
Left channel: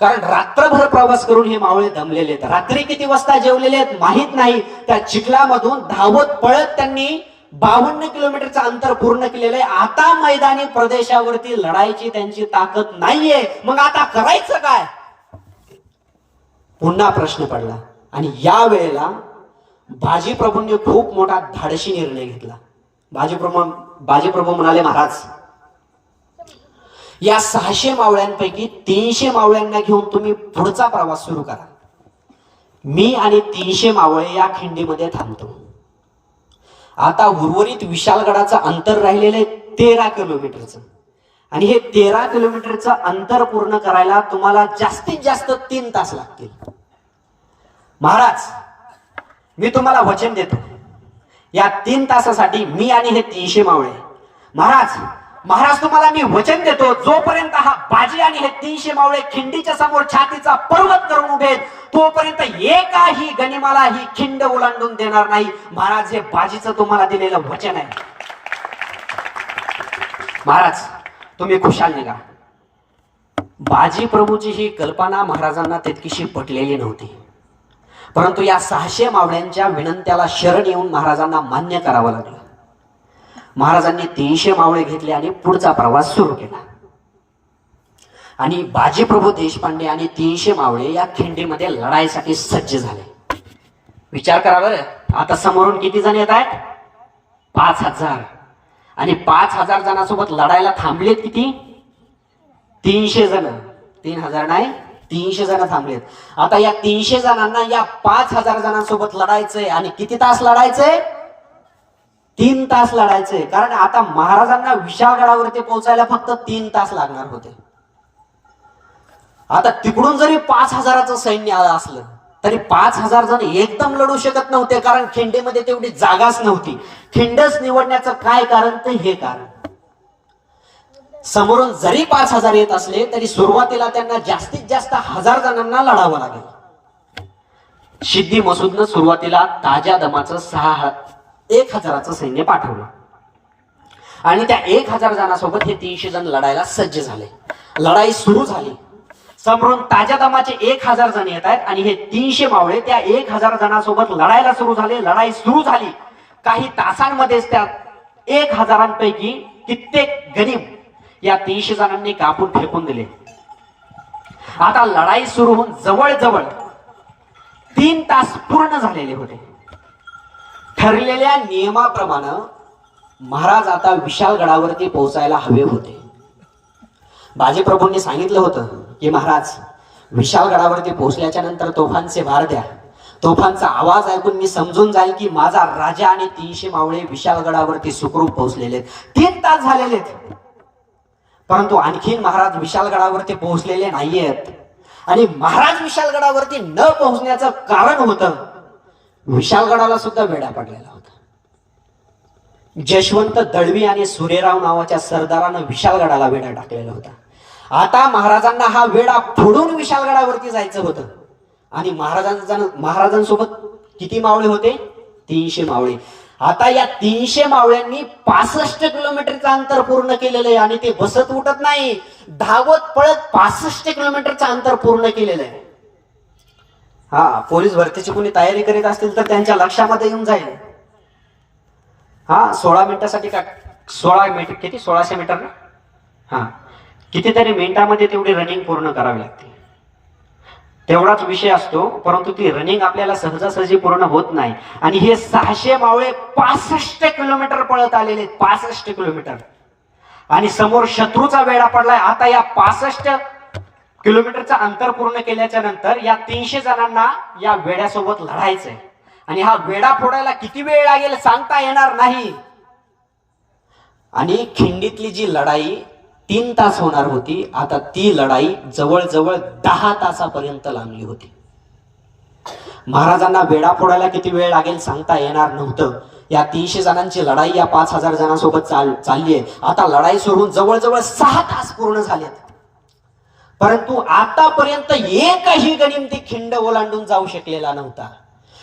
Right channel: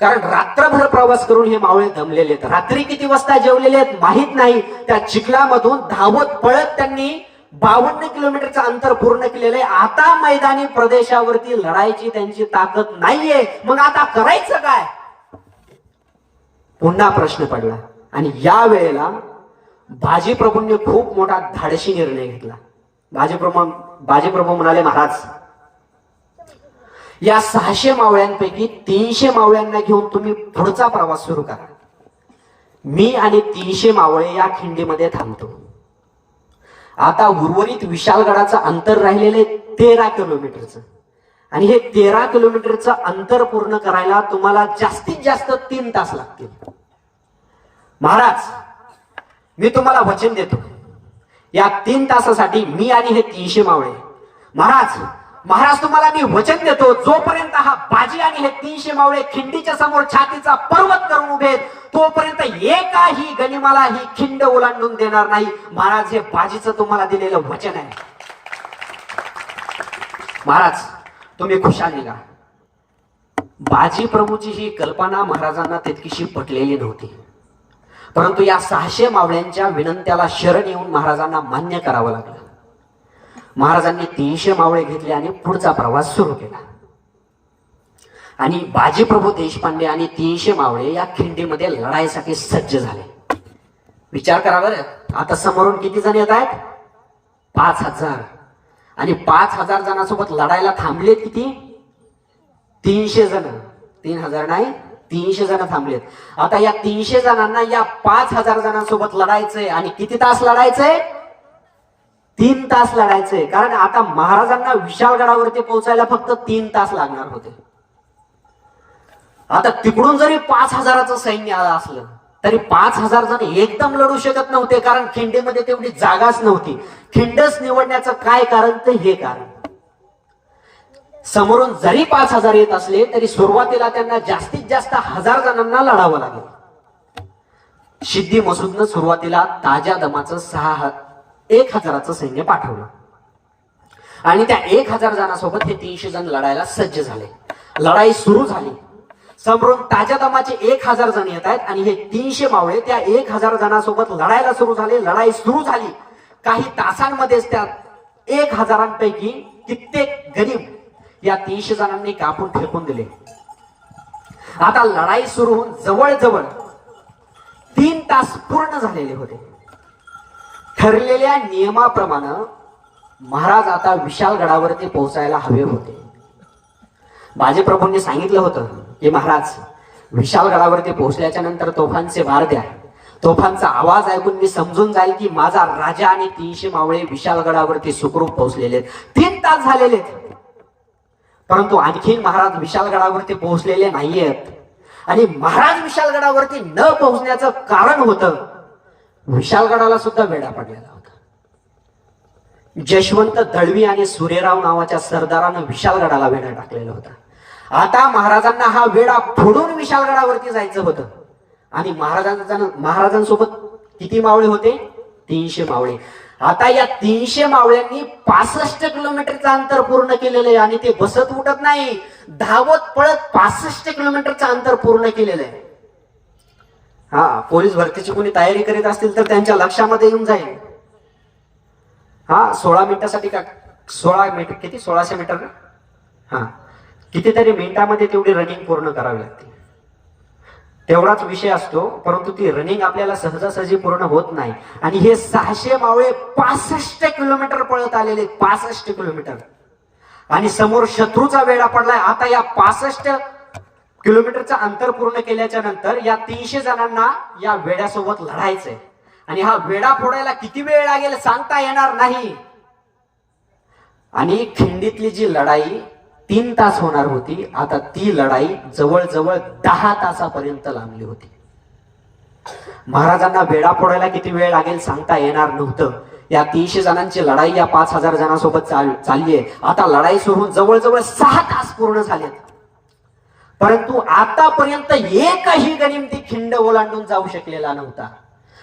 कारण रात्रभर प्रवास करून हे मावळे दमलेले आहेत. रात्री किती वाजता जेवलेले आहेत माहित नाही. त्या चिखलामधून धावत पळत त्यांनी 52 किलोमीटरचं अंतर पूर्ण केलेलं आहे. आता मैदानी प्रदेशावरती लढायची त्यांची ताकद नाहीये. मग आता करायचं काय? पुन्हा प्रश्न पडला. आणि या वेळेला बाजीप्रभूंनी खूप मोठा धाडसी निर्णय घेतला. बाजीप्रभू म्हणाले, महाराज या 600 मावळ्यांपैकी 300 मावळ्यांना घेऊन तुम्ही पुढचा प्रवास सुरू करा. मी आणि 300 मावळे या खिंडीमध्ये थांबतो. आता उर्वरित विशालगडाचं अंतर राहिलेलं आहे 13 किलोमीटरचं, आणि हे 13 किलोमीटरचं अंतर पूर्ण करायला तुम्हाला जास्तीत जास्त 3 तास लागतील. महाराज मी तुम्हाला वचन देतो, या 3 तासासाठी मी आणि हे 300 मावळे, महाराज तुम्हाला मी वचन देतो, जोपर्यंत हा बाजी आणि हे 300 मावळे खिंडीच्या समोर छातीचा पर्वत करून उभे आहेत, तोपर्यंत एकाही गनिमाला ही खिंड ओलांडून देणार नाही. महाराज हे बाजीचं तुम्हाला दिलेलं वचन आहे. महाराज तुम्ही खुशाल निघा. बाजी प्रभूची ही कल्पना महाराजांना तितकीशी पटलेली नव्हती, परंतु या 600 मावळ्यांच्या विनंत्याला शरण येऊन महाराजांना मान्य करावं लागलं. महाराजांनी 300 मावळे घेतले आणि पुढचा प्रवास सुरू केला. आणि बाजीप्रभू देशपांडे आणि 300 मावळे या खिंडीमध्ये लढाईसाठी सज्ज झाले. विचार करावा, आता समोरून किती जण येत आहेत? 5000. आणि 5000 जणांसोबत लढायला थांबलेत किती? 300 जण. 3000 नाही, 300 जण थांबलेत. आता या 300 जणांना या 5000 जणांसोबत लढायचंय. आणि किती तास लढायचंय? 3 तास लढायचंय. कारण आता महाराजांना विशालगडावरती पोहोचायला फक्त 3 तास लागणार होते. आता तिकडून जरी 5000चं सैन्य आलं असलं तरी 5000 जण एकदम लढू शकत नव्हते, कारण खिंडीमध्ये तेवढी जागाच नव्हती. खिंडच निवडण्याचं काय कारण? तर हे कारण, समोरून जरी 5000 येत असले तरी सुरुवातीला त्यांना जास्तीत जास्त 1000 जणांना लढावं लागलं. सिद्दी मसूदनं सुरुवातीला ताज्या दमाचं 1000चं सैन्य पाठवलं आणि त्या 1000 जणांसोबत हे 300 जण लढायला सज्ज झाले. लढाई सुरू झाली. समोरून ताज्या दमाचे 1000 जण येत आहेत आणि हे 300 मावळे त्या 1000 जणांसोबत लढायला सुरू झाले. लढाई सुरू झाली. काही तासांमध्येच त्या 1000 कित्येक गनिम या 300 जणांनी कापून फेकून दिले. आता लढाई सुरू होऊन जवळजवळ 3 तास पूर्ण झालेले होते. ठरलेल्या नियमाप्रमाणे महाराज आता विशालगडावरती पोहोचायला हवे होते. बाजीप्रभूंनी सांगितलं होतं की महाराज विशालगडावरती पोहोचल्याच्या नंतर तोफांचे मार द्या. तोफांचा आवाज ऐकून मी समजून जाईल की माझा राजा आणि 300 मावळे विशालगडावरती सुखरूप पोहोचलेले आहेत. 3 तास झालेले आहेत, परंतु आणखीन महाराज विशालगडावरती पोहोचलेले नाहीयेत. आणि महाराज विशालगडावरती न पोहोचण्याचं कारण होतं, विशालगडाला सुद्धा वेढा पडलेला होता. जशवंत दळवी आणि सूर्यराव नावाच्या सरदारानं विशालगडाला वेढा टाकलेला होता. आता महाराजांना हा वेढा फोडून विशालगडावरती जायचं होतं. आणि महाराजांसोबत किती मावळे होते? 300 मावळे. आता या 300 मावळ्यांनी 65 किलोमीटरचं अंतर पूर्ण केलेलं आहे. आणि ते बसत उठत नाही, धावत पळत 65 किलोमीटरचं अंतर पूर्ण केलेलं आहे. हा, पोलीस भरतीची कोणी तयारी करीत असतील तर त्यांच्या लक्षामध्ये येऊन जाईल. हा, 16 मिनिटासाठी का 16 मीटर, किती 1600 मीटर ना, हा, कितीतरी मिनिटामध्ये तेवढी रनिंग पूर्ण करावी लागते. तेवढाच विषय असतो, परंतु ती रनिंग आपल्याला सहजासहजी पूर्ण होत नाही. आणि हे 600 मावळे 65 किलोमीटर पळत आलेले, 65 किलोमीटर. आणि समोर शत्रूचा वेढा पडलाय. आता या 65 किलोमीटरचं अंतर पूर्ण केल्याच्या नंतर या 300 जणांना या वेड्यासोबत लढायचंय. आणि हा वेढा फोडायला किती वेळ लागेल सांगता येणार नाही. आणि खिंडीतली जी लढाई 3 तास होणार होती, आता ती लढाई जवळजवळ 10 तासापर्यंत लांबली होती. महाराजांना वेढा फोडायला किती वेळ लागेल सांगता येणार नव्हतं. या 300 जणांची लढाई या 5000 जणांसोबत चाललीये. आता लढाई सुरू होऊन जवळजवळ 6 तास पूर्ण झालेत, परंतु आतापर्यंत एकही गनिम ती खिंड ओलांडून जाऊ शकलेला नव्हता.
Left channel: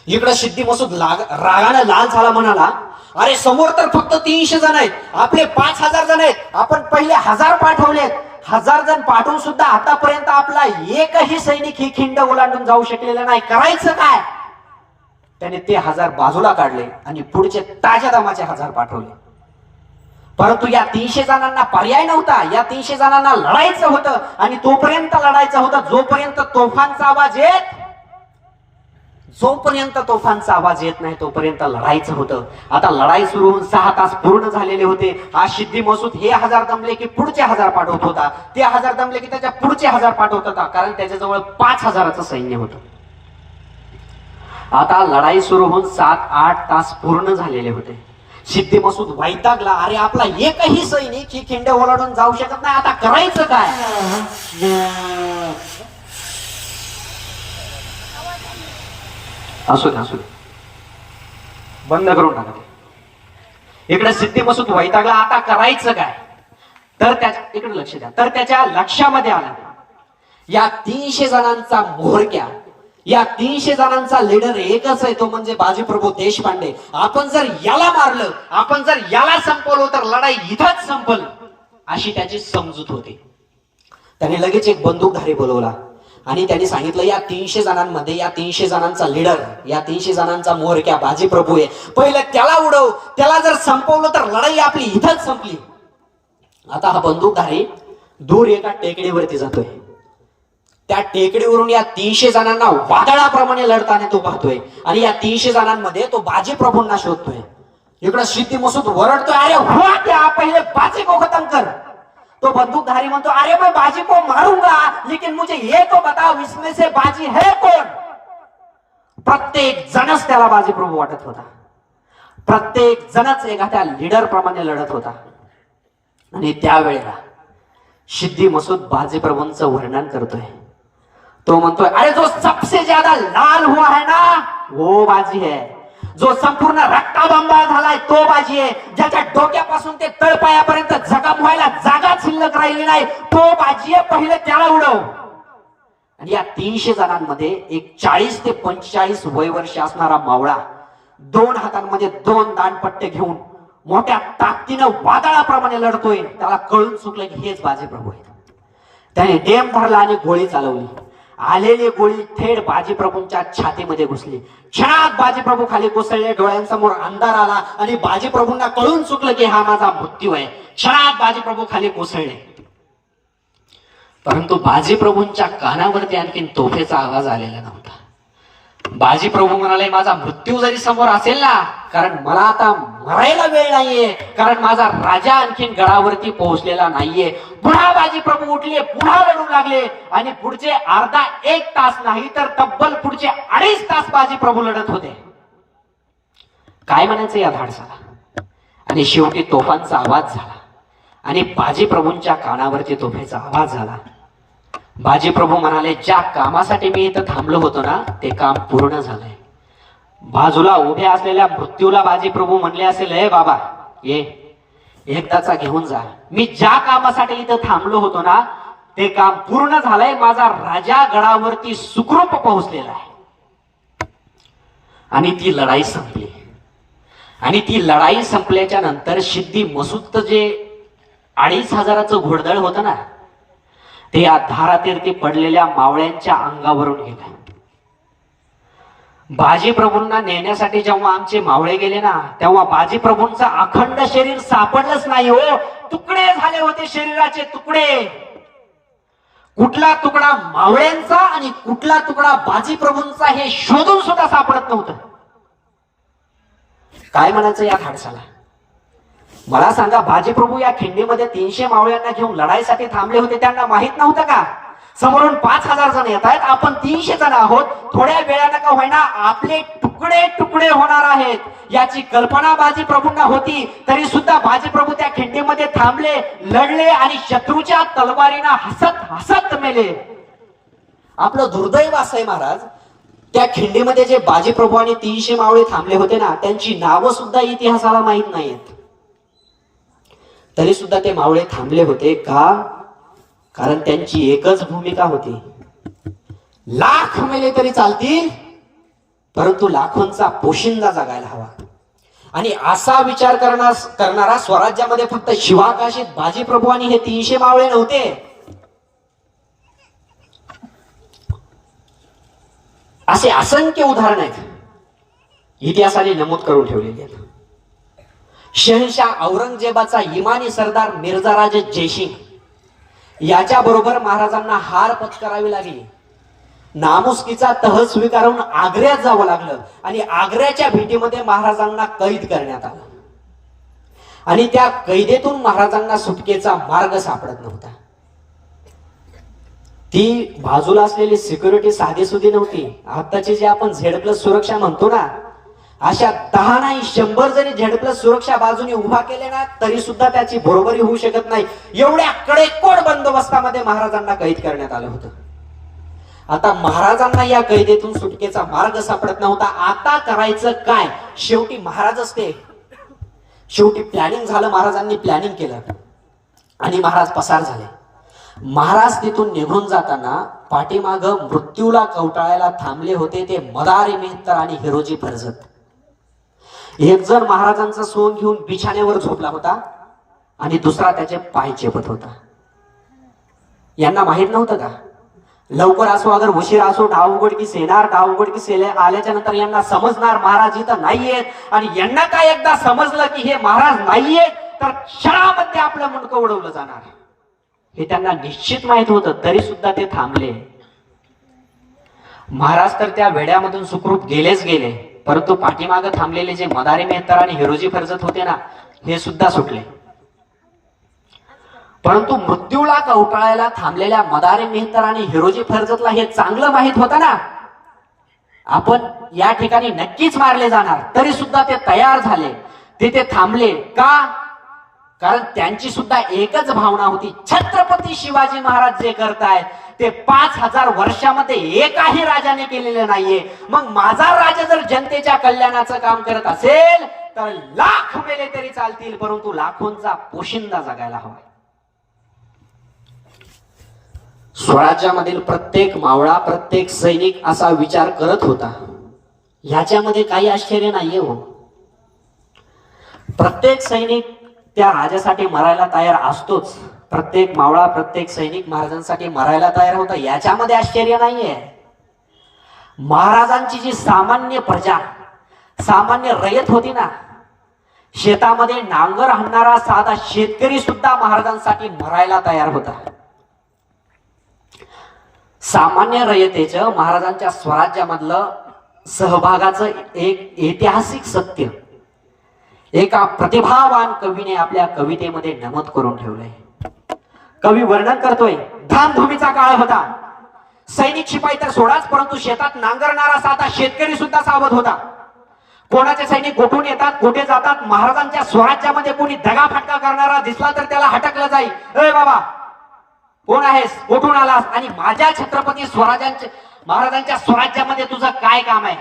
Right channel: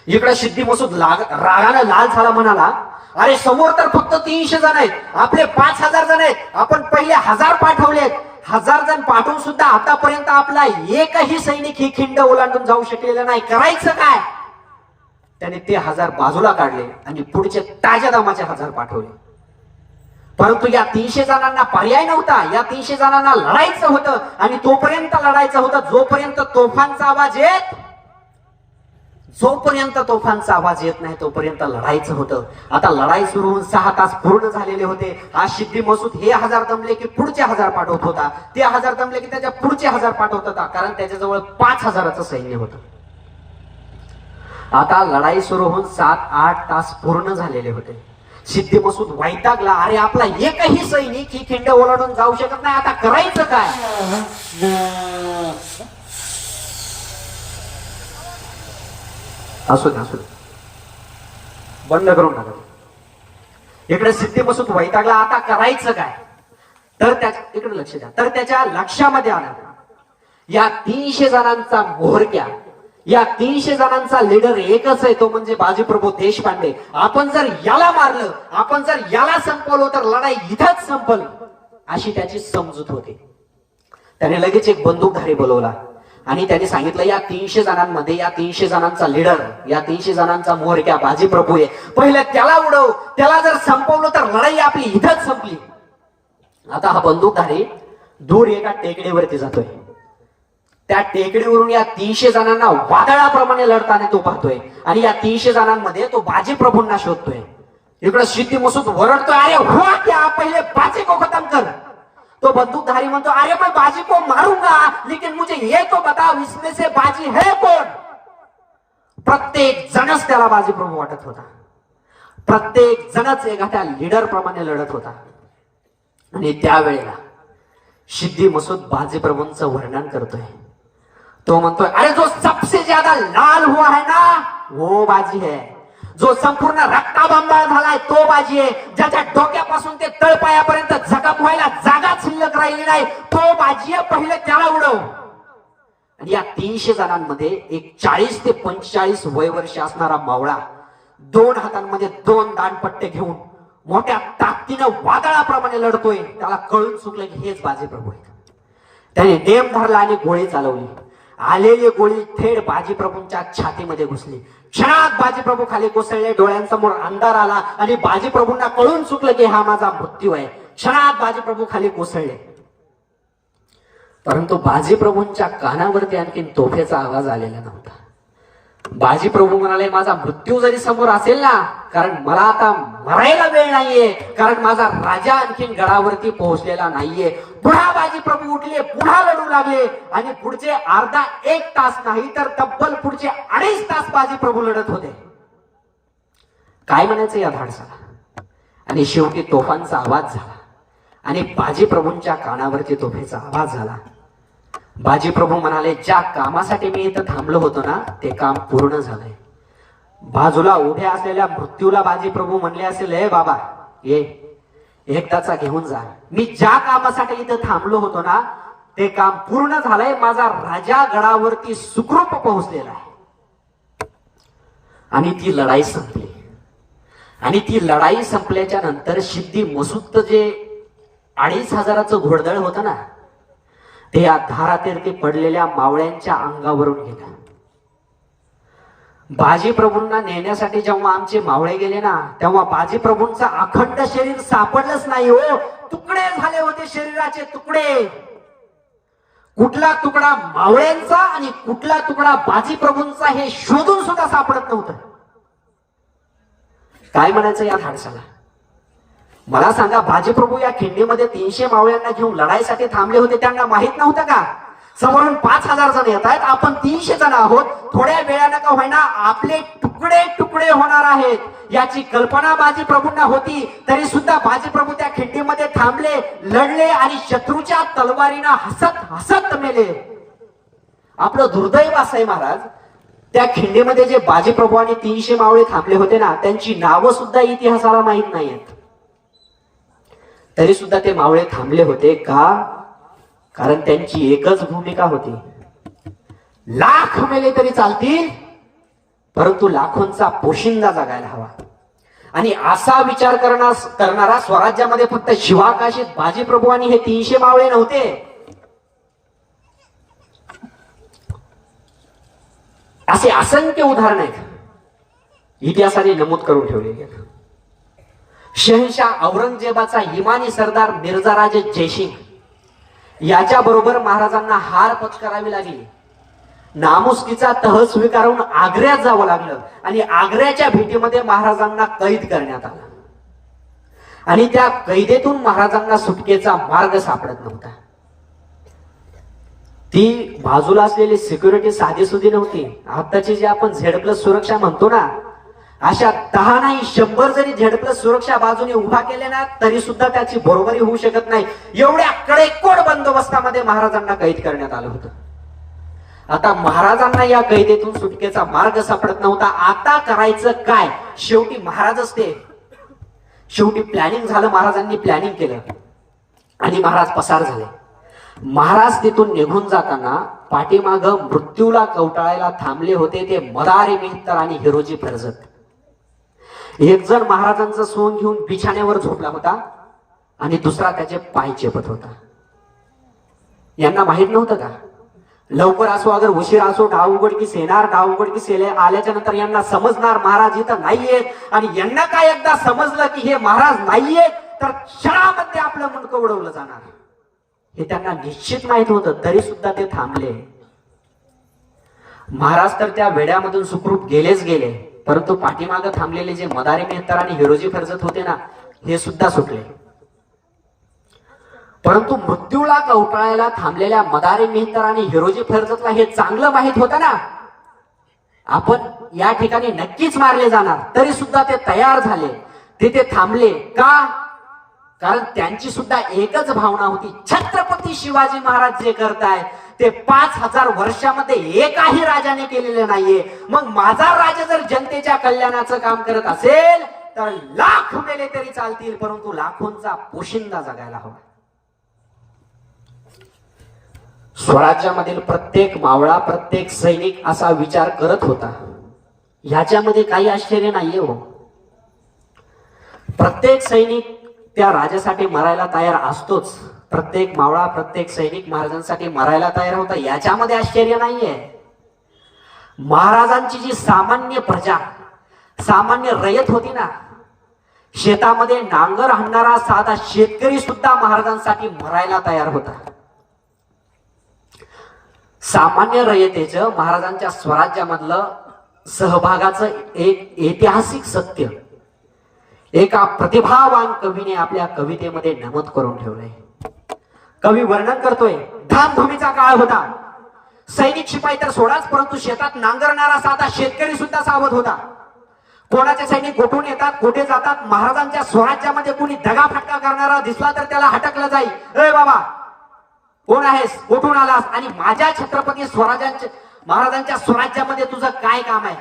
इकडे सिद्दी मसूद रागानं लाल झाला, म्हणाला, अरे समोर तर फक्त 300 जण आहेत, आपले 5000 जण आहेत, आपण पहिले 1000 पाठवलेत. 1000 जण पाठवून सुद्धा आतापर्यंत आपला एकही सैनिक ही खिंड ओलांडून जाऊ शकलेला नाही. करायचं काय? त्याने ते 1000 बाजूला काढले आणि पुढचे ताज्या दमाचे 1000 पाठवले. परंतु या 300 जणांना पर्याय नव्हता. या 300 जणांना लढायचं होतं आणि तोपर्यंत लढायचं होतं जोपर्यंत तोफांचा आवाज येत, जोपर्यंत तोफांचा आवाज येत नाही तोपर्यंत लढायचं होतं. आता लढाई सुरू होऊन 6 तास पूर्ण झालेले होते. आज सिद्धी मसूद हे 1000 दमले की पुढचे 1000 पाठवत होता, ते 1000 दमले की त्याच्या पुढचे 1000 पाठवत होता, कारण त्याच्याजवळ 5000चं सैन्य होतं. आता लढाई सुरू होऊन 7-8 तास पूर्ण झालेले होते. सिद्धी मसूद वैतागला. अरे आपला एकही सैनिक ही खिंड ओलांडून जाऊ शकत नाही, आता करायचं काय? असू दे बंद करून टाका. इकडे सिद्धी मसूद वैतागला. आता करायचं काय? तर त्याच्या इकडे लक्ष द्या. तर त्याच्या लक्षामध्ये आलं या 300 जणांचा म्होरक्या, या 300 जणांचा लीडर एकच आहे, तो म्हणजे बाजीप्रभू देशपांडे. आपण जर याला मारलं, आपण जर याला संपवलं तर लढाई इथंच संपल, अशी त्याची समजूत होती. त्याने लगेच एक बंदूकधारी बोलवला आणि त्यांनी सांगितलं या 300 जणांमध्ये, या 300 जणांचा लीडर, या 300 जणांचा म्होरक्या बाजीप्रभू आहे, पहिले त्याला उडव. त्याला जर संपवलं तर लढाई आपली इथंच संपली. आता हा बंदूकधारी दूर एका टेकडीवरती जातोय. त्या टेकडीवरून या 300 जणांना वादळाप्रमाणे लढताना तो पाहतोय आणि या 300 जणांमध्ये तो बाजीप्रभूंना शोधतोय. इकडे सिद्धी मसूद वरडतोय, अरे हो क्या, पहिले बाजी को खत्म कर. तो बंदूकधारी म्हणतो, अरे मैं बाजी को मारूंगा लेकिन मुझे ये तो बताओ इसमें से बाजी है कौन? प्रत्येक जणच त्याला बाजीप्रभू वाटत होता. प्रत्येक जणच एखाद्या लीडर प्रमाणे लढत होता. आणि त्यावेळेला सिद्धी मसूद बाजीप्रभूंचं वर्णन करतोय. तो म्हणतोय, अरे जो सबसे ज्यादा लाल हुआ है ना वो बाजी है, जो संपूर्ण रक्ताबंबाळ झालाय तो बाजी आहे, ज्याच्या डोक्यापासून ते तळपायापर्यंत जखम व्हायला जागा शिल्लक राहिली नाही तो बाजी आहे, पहिले त्याला उडव. आणि या 300 जणांमध्ये एक 40 ते 45 वय वर्ष असणारा मावळा 2 हातांमध्ये 2 दांडपट्टे घेऊन मोठ्या ताकदीनं वादळाप्रमाणे लढतोय. त्याला कळून चुकलं की हेच बाजीप्रभू आहेत. त्याने नेम धरला आणि गोळी चालवली. आलेली गोळी थेट बाजीप्रभूंच्या छातीमध्ये घुसली. क्षणात बाजीप्रभू खाली कोसळले. डोळ्यांसमोर अंधार आला आणि बाजीप्रभूंना कळून चुकलं की हा माझा मृत्यू आहे. क्षणात बाजीप्रभू खाली कोसळले. परंतु बाजीप्रभूंच्या कानावरती आणखीन तोफेचा आवाज आलेला नव्हता. बाजीप्रभू म्हणाले, माझा मृत्यू जरी समोर असेल ना, कारण मला आता मरायला वेळ नाहीये, कारण माझा राजा आणखीन गडावरती पोहोचलेला नाहीये. पुन्हा बाजीप्रभू उठले, पुन्हा लढू लागले आणि पुढचे अर्धा 1 तास नाही तर तब्बल पुढचे 2.5 तास बाजीप्रभू लढत होते. काय म्हणायचं या धाडसाला? आणि शेवटी तोफांचा आवाज झाला आणि बाजीप्रभूंच्या कानावरती तोफेचा आवाज झाला. बाजीप्रभू म्हणाले, ज्या कामासाठी मी इथं थांबलो होतो ना ते काम पूर्ण झालंय. बाजूला उभ्या असलेल्या मृत्यूला बाजीप्रभू म्हणले असेल, हे बाबा ये एकदाचा घेऊन जा. मी ज्या कामासाठी इथं थांबलो होतो ना ते काम पूर्ण झालंय. माझा राजा गडावरती सुखरूप पोहोचलेला आहे. आणि ती लढाई संपली. आणि ती लढाई संपल्याच्या नंतर सिद्धी मसूद जे 2500चं घोडदळ होतं ना ते या धारातीर्थी पडलेल्या मावळ्यांच्या अंगावरून गेलं. बाजीप्रभूंना नेण्यासाठी जेव्हा आमचे मावळे गेले ना तेव्हा बाजीप्रभूंचं अखंड शरीर सापडलंच नाही हो. तुकडे झाले होते, शरीराचे तुकडे. कुठला तुकडा मावळ्यांचा आणि कुठला तुकडा बाजीप्रभूंचा हे शोधून सुद्धा सापडत नव्हतं. काय म्हणायचं या धाडसाला? मला सांगा, बाजीप्रभू या खिंडीमध्ये 300 मावळ्यांना घेऊन लढाईसाठी थांबले होते, त्यांना माहित नव्हतं का समोरून 5000 जण येत आहेत, आपण 300 जण आहोत, थोड्या वेळानं का होईना आपले तुकडे तुकडे होणार आहेत याची कल्पना बाजीप्रभूंना होती. तरी सुद्धा बाजीप्रभू त्या खिंडीमध्ये थांबले, लढले आणि शत्रूच्या तलवारीनं हसत हसत मेले. आपलं दुर्दैव असं आहे महाराज, त्या खिंडीमध्ये जे बाजीप्रभू आणि 300 मावळे थांबले होते ना त्यांची नावं सुद्धा इतिहासाला माहित नाहीत. तरी सुद्धा ते मावळे थांबले होते का? कारण त्यांची एकच भूमिका होती, लाख मेले तरी चालतील परंतु लाखोंचा पोशिंदा जगायला हवा. आणि असा विचार करणारा स्वराज्यामध्ये फक्त शिवाकाशीत बाजीप्रभू आणि हे 300 मावळे नव्हते. असे असंख्य उदाहरण आहेत इतिहासाने नमूद करून ठेवलेले आहेत. शहनशाह औरंगजेबाचा इमानी सरदार मिर्झाराजे जयसिंग याच्या बरोबर महाराजांना हार पत्करावी लागली. नामुष्कीचा तह स्वीकारून आग्र्यात जावं लागलं आणि आग्र्याच्या भेटीमध्ये महाराजांना कैद करण्यात आलं आणि त्या कैदेतून महाराजांना सुटकेचा मार्ग सापडत नव्हता. ती बाजूला असलेली सिक्युरिटी साधीसुधी नव्हती. आताची जे आपण Z+ सुरक्षा म्हणतो ना, अशा 10 नाही 100 जरी Z+ सुरक्षा बाजूने उभा केले ना तरी सुद्धा त्याची बरोबरी होऊ शकत नाही. एवढ्या कडेकोट बंदोबस्तामध्ये महाराजांना कैद करण्यात आलं होतं. आता महाराजांना या कैदेतून सुटकेचा मार्ग सापडत नव्हता. आता करायचं काय? शेवटी महाराजच ते. शेवटी प्लॅनिंग झालं. महाराजांनी प्लॅनिंग केलं आणि महाराज पसार झाले. महाराज तिथून निघून जाताना पाठीमाग मृत्यूला कवटाळायला थांबले होते ते मदारी मेहतर आणि हिरोजी फर्जत. एक जण महाराजांचं सोन घेऊन बिछाण्यावर झोपला होता आणि दुसरा त्याचे पाय चेपत होता. यांना माहित नव्हतं का? लवकर असो अगर उशीर असो डाव उघडकीस येणार. डाव उघडकीस आल्याच्या नंतर यांना समजणार महाराज इथं नाहीयेत आणि यांना काय एकदा समजलं की हे महाराज नाहीयेत तर क्षणामध्ये आपलं मुंडकं उडवलं जाणार हे त्यांना निश्चित माहित होतं. तरी सुद्धा ते थांबले. महाराज तर त्या वेड्यामधून सुखरूप गेलेच गेले, परंतु पाठीमागे थांबलेले जे मदारी मेहतर आणि हिरोजी फर्जत होते ना हे सुद्धा सुटले. परंतु मृत्यूला कवटाळायला थांबलेल्या मदारी मेहतर आणि हिरोजी फर्जतला हे चांगलं माहित होतं ना आपण या ठिकाणी नक्कीच मारले जाणार. तरी सुद्धा ते तयार झाले. ते थांबले का? कारण त्यांची सुद्धा एकच भावना होती, छत्रपती शिवाजी महाराज जे करतायत ते 5000 वर्षामध्ये एकाही राजाने केलेले नाहीये. मग माझा राजा जर जनतेच्या कल्याणाचं काम करत असेल तर लाख मेले तरी चालतील, परंतु लाखोंचा पोशिंदा जगायला हवा. स्वराज्यामधील प्रत्येक मावळा प्रत्येक सैनिक असा विचार करत होता. ह्याच्यामध्ये काही आश्चर्य नाहीये हो. प्रत्येक सैनिक त्या राजासाठी मरायला तयार असतोच. प्रत्येक मावळा प्रत्येक सैनिक महाराजांसाठी मरायला तयार होता, याच्यामध्ये आश्चर्य नाहीये. महाराजांची जी सामान्य प्रजा सामान्य रयत होती ना, शेतामध्ये नांगर हाणणारा साधा शेतकरी सुद्धा महाराजांसाठी मरायला तयार होता. सामान्य रयतेचं महाराजांच्या स्वराज्यामधलं सहभागाचं एक ऐतिहासिक सत्य एका प्रतिभावान कवीने आपल्या कवितेमध्ये नमूद करून ठेवलंय. कवी वर्णन करतोय, धामधुमीचा काळ होता. सैनिक शिपाई तर सोडाच, परंतु शेतात नांगरणारा साधा शेतकरी सुद्धा सावध होता. कोणाचे सैनिक गोठून येतात, कोठे जातात. महाराजांच्या स्वराज्यामध्ये कोणी दगाफटका करणारा दिसला तर त्याला हटकलं जाईल. ए बाबा कोण आहेस, कोठून आलास आणि माझ्या छत्रपती स्वराज्यांच्या महाराजांच्या स्वराज्यामध्ये तुझं काय काम आहे.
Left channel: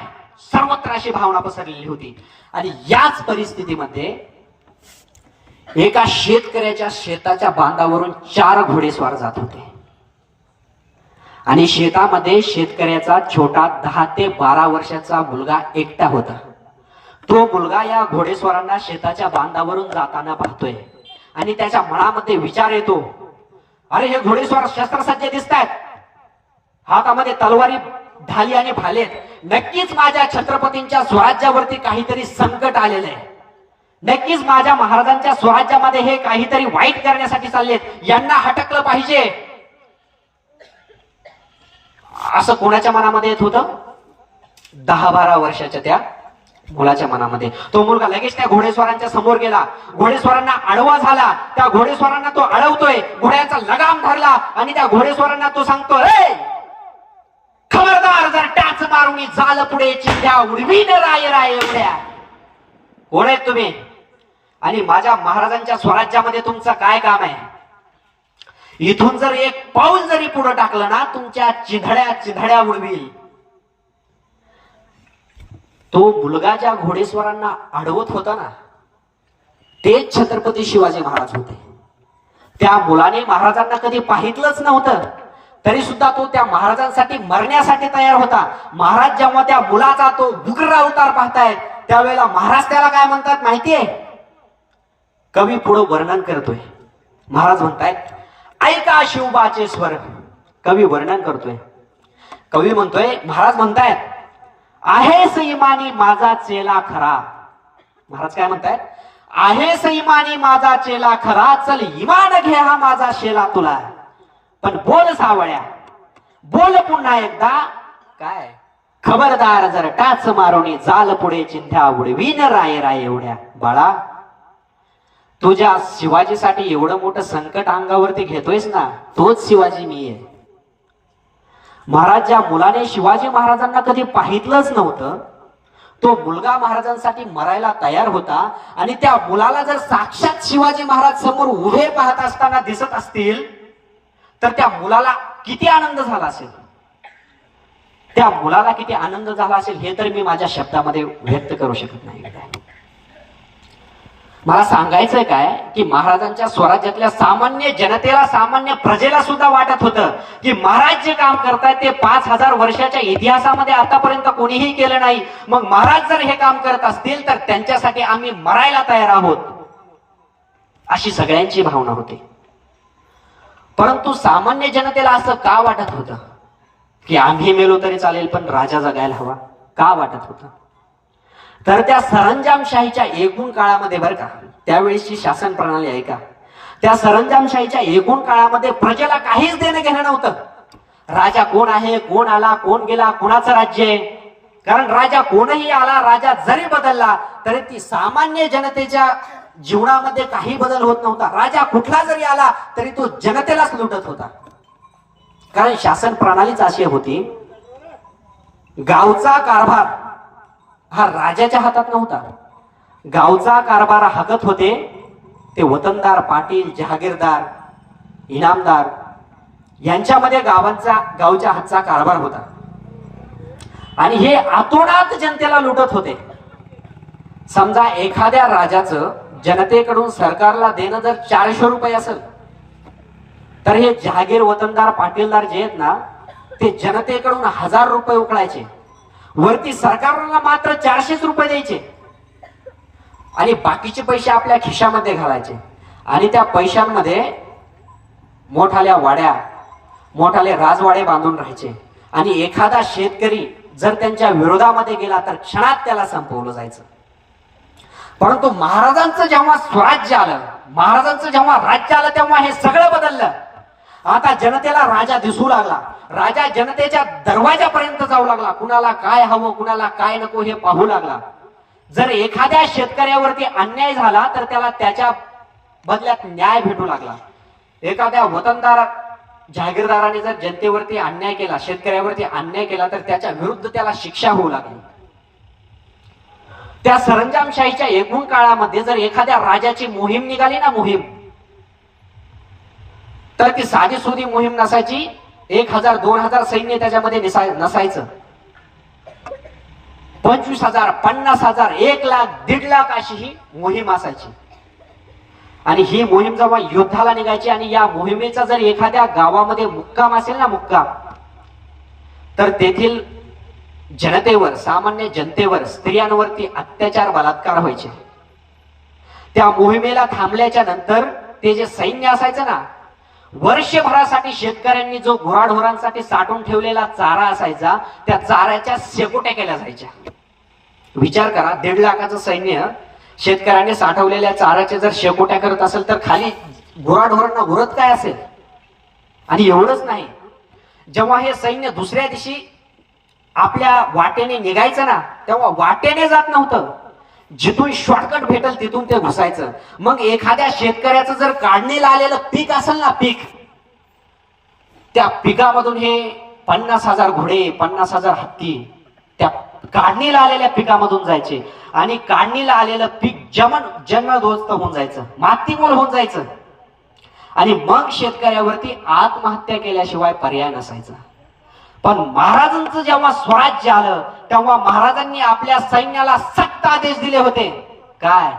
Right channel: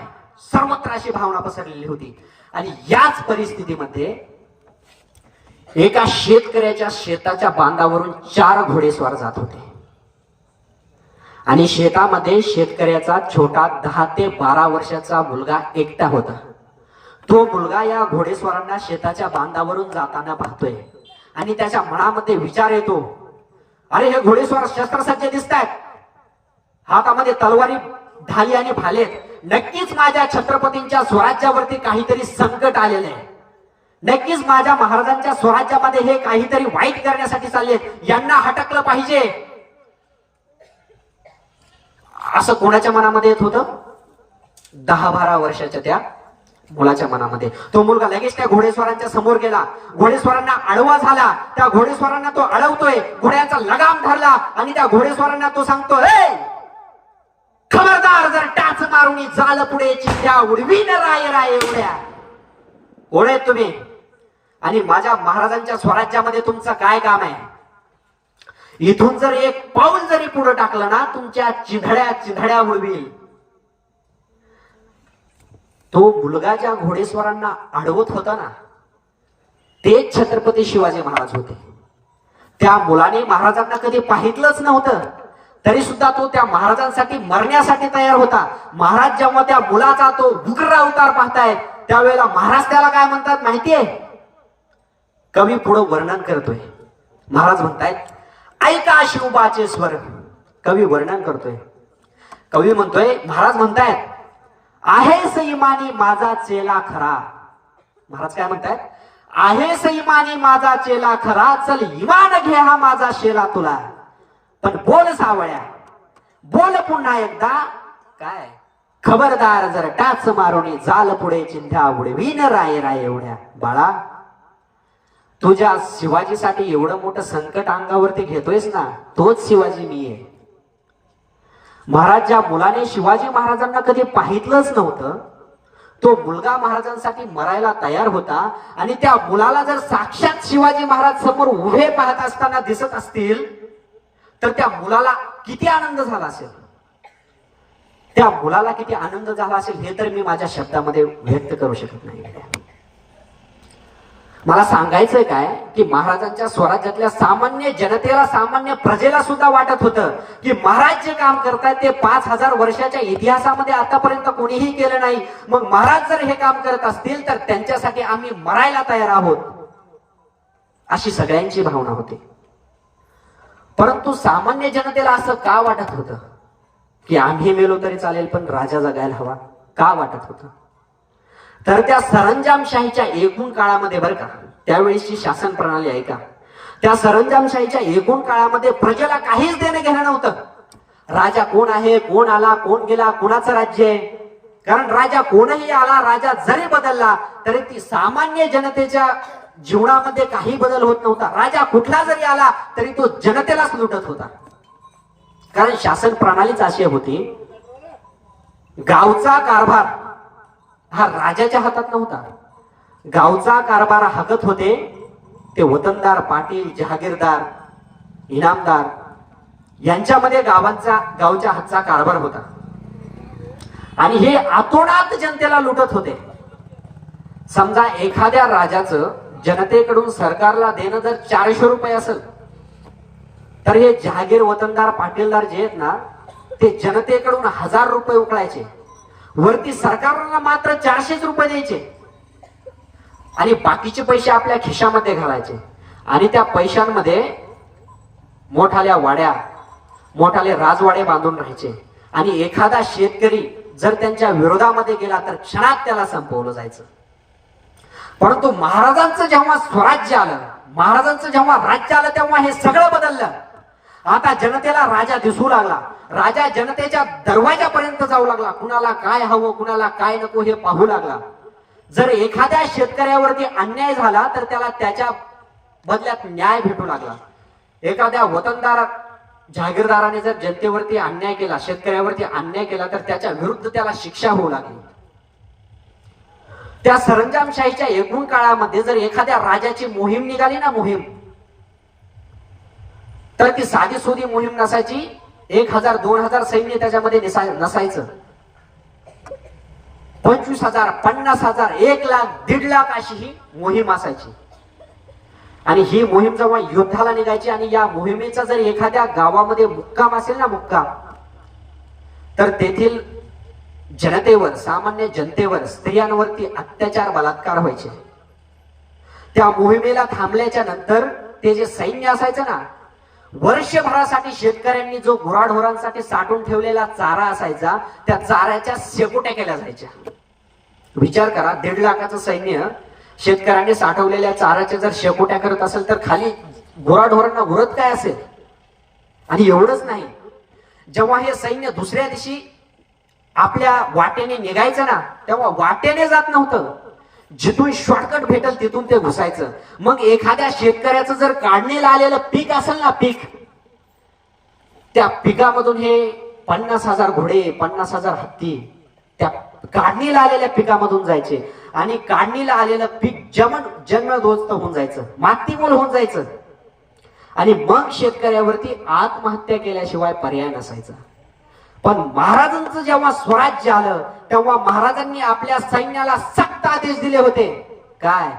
सर्वत्र अशी भावना पसरलेली होती. आणि याच परिस्थितीमध्ये एका शेतकऱ्याच्या शेताच्या बांधावरून 4 घोडेस्वार जात होते आणि शेतामध्ये शेतकऱ्याचा छोटा 10 ते 12 वर्षाचा मुलगा एकटा होता. तो मुलगा या घोडेस्वारांना शेताच्या बांधावरून जाताना पाहतोय आणि त्याच्या मनामध्ये विचार येतो, अरे हे घोडेस्वार शस्त्रसज्ज दिसतायत, हातामध्ये तलवारी ढाली आणि भालेत. नक्कीच माझ्या छत्रपतींच्या स्वराज्यावरती काहीतरी संकट आलेलं आहे. नक्कीच माझ्या महाराजांच्या स्वराज्यामध्ये हे काहीतरी वाईट करण्यासाठी चाललेत, यांना हटकलं पाहिजे असं कोणाच्या मनामध्ये येत होतं? 10-12 वर्षाच्या त्या मुलाच्या मनामध्ये. तो मुलगा लगेच त्या घोडेस्वारांच्या समोर गेला, घोडेस्वारांना आडवा झाला. त्या घोडेस्वारांना तो अडवतोय, घोड्यांचा लगाम धरला आणि त्या घोडेस्वारांना तो सांगतो, खबरदार जर टाच मारून झालं पुढे चिंध्या उडवीन राय राय एवढ्या. कोण आहेत तुम्ही आणि माझ्या महाराजांच्या स्वराज्यामध्ये तुमचं काय काम आहे? इथून जर एक पाऊल जरी पुढे टाकलं ना तुमच्या चिंधड्या उडवील. तो मुलगा ज्या घोडेस्वारांना अडवत होता ना तेच छत्रपती शिवाजी महाराज होते. त्या मुलाने महाराजांना कधी पाहितलंच नव्हतं, तरी सुद्धा तो त्या महाराजांसाठी मरण्यासाठी तयार होता. महाराज जेव्हा त्या मुलाचा तो उग्र अवतार पाहतायत त्यावेळेला महाराज त्याला काय म्हणतात माहितीये? कवी पुढे वर्णन करतोय. महाराज म्हणतायत, ऐका शिवबाचे स्वर. कवी वर्णन करतोय. कवी म्हणतोय, महाराज म्हणतायत, आहेस इमानी माझा चेला खरा. महाराज काय म्हणतायत? आहेस इमानी माझा चेला खरा, चल इमान घे हा माझा शेला तुला. पण बोल सावळ्या, बोल पुन्हा एकदा, काय खबरदार जर टाच मारोनी जाल पुढे चिंध्या उडवीन राय राय एवढ्या बाळा, तुझ्या शिवाजीसाठी एवढं मोठं संकट अंगावरती घेतोयस ना, तोच शिवाजी मी आहे. महाराज ज्या मुलाने शिवाजी महाराजांना कधी पाहितलंच नव्हतं, तो मुलगा महाराजांसाठी मरायला तयार होता. आणि त्या मुलाला जर साक्षात शिवाजी महाराज समोर उभे पाहत असताना दिसत असतील तर त्या मुलाला किती आनंद झाला असेल, त्या मुलाला किती आनंद झाला असेल हे तर मी माझ्या शब्दामध्ये व्यक्त करू शकत नाही. मला सांगायचंय काय की महाराजांच्या स्वराज्यातल्या सामान्य जनतेला, सामान्य प्रजेला सुद्धा वाटत होतं की महाराज जे काम करतायत ते 5000 वर्षाच्या इतिहासामध्ये आतापर्यंत कोणीही केलं नाही. मग महाराज जर हे काम करत असतील तर त्यांच्यासाठी आम्ही मरायला तयार आहोत, अशी सगळ्यांची भावना होती. परंतु सामान्य जनतेला असं का वाटत होतं की आम्ही मेलो तरी चालेल पण राजा जगायला हवा, का वाटत होतं? तर त्या सरंजामशाहीच्या एकूण काळामध्ये बरं का, त्यावेळेसची शासन प्रणाली आहे का, त्या सरंजामशाहीच्या एकूण काळामध्ये प्रजेला काहीच देणं घेणं नव्हतं. राजा कोण आहे, कोण आला, कोण गेला, कोणाचं राज्य आहे. कारण राजा कोणही आला, राजा जरी बदलला तरी ती सामान्य जनतेच्या जीवनामध्ये काही बदल होत नव्हता. राजा कुठला जरी आला तरी तो जनतेलाच लुटत होता. कारण शासन प्रणालीच अशी होती, गावचा कारभार हा राजाच्या हातात नव्हता. गावचा कारभार हाकत होते ते वतनदार, पाटील, जहागीरदार, इनामदार यांच्यामध्ये गावच्या हातचा कारभार होता. आणि हे आतोनात जनतेला लुटत होते. समजा एखाद्या राजाचं जनतेकडून सरकारला देणं जर 400 रुपये असेल तर हे जहागीर, वतनदार, पाटीलदार जे आहेत ना ते जनतेकडून 1000 रुपये उकळायचे, वरती सरकारला मात्र 400 रुपये द्यायचे आणि बाकीचे पैसे आपल्या खिशामध्ये घालायचे. आणि त्या पैशांमध्ये मोठाल्या वाड्या, मोठाले राजवाडे बांधून राहायचे. आणि एखादा शेतकरी जर त्यांच्या विरोधामध्ये गेला तर क्षणात त्याला संपवलं जायचं. परंतु महाराजांचं जेव्हा स्वराज्य आलं, महाराजांचं जेव्हा राज्य आलं तेव्हा हे सगळं बदललं. आता जनतेला राजा दिसू लागला, राजा जनतेच्या दरवाजापर्यंत जाऊ लागला, कुणाला काय हवं, कुणाला काय नको हे पाहू लागला. जर एखाद्या शेतकऱ्यावरती अन्याय झाला तर त्याला त्याच्या बदल्यात न्याय भेटू लागला. एखाद्या वतनदार, जहागीरदाराने जर जनतेवरती अन्याय केला, शेतकऱ्यावरती अन्याय केला तर त्याच्या विरुद्ध त्याला शिक्षा होऊ लागली. त्या सरंजामशाहीच्या एकूण काळामध्ये जर एखाद्या राजाची मोहीम निघाली ना, मोहीम, तर ती साधी सुधी मोहीम नसायची. 1000, 2000 सैन्य त्याच्यामध्ये नसायचं. 25,000, 50,000, 1,00,000, 1,50,000 अशी ही मोहीम असायची. आणि ही मोहीम जेव्हा युद्धाला निघायची आणि या मोहिमेचा जर एखाद्या गावामध्ये मुक्काम असेल ना, मुक्काम, तर तेथील जनतेवर, सामान्य जनतेवर, स्त्रियांवरती अत्याचार, बलात्कार व्हायचे. त्या मोहिमेला थांबल्याच्या नंतर ते जे सैन्य असायचं ना, वर्षभरासाठी शेतकऱ्यांनी जो गुराढोरांसाठी साठवून ठेवलेला चारा असायचा त्या चाऱ्याच्या शेकोट्या केल्या जायच्या. विचार करा, 1.5 लाखाचं सैन्य शेतकऱ्यांनी साठवलेल्या चाऱ्याच्या जर शेकोट्या करत असेल तर खाली गुराढोरांना उरत काय असेल. आणि एवढंच नाही, जेव्हा हे सैन्य दुसऱ्या दिवशी आपल्या वाटेने निघायचं ना तेव्हा वाटेने जात नव्हतं, जिथून शॉर्टकट भेटल तिथून ते घुसायचं. मग एखाद्या शेतकऱ्याचं जर काढणीला आलेलं पीक असेल ना, पीक, त्या पिकामधून हे 50,000 घोडे, 50,000 हत्ती त्या काढणीला आलेल्या पिकामधून जायचे. आणि काढणीला आलेलं पीक जन्मदोस्त होऊन जायचं, मातीमोल होऊन जायचं. आणि मग शेतकऱ्यावरती आत्महत्या केल्याशिवाय पर्याय नसायचा. पण महाराजांचं जेव्हा स्वराज्य आलं तेव्हा महाराजांनी आपल्या सैन्याला सक्त आदेश दिले होते. काय?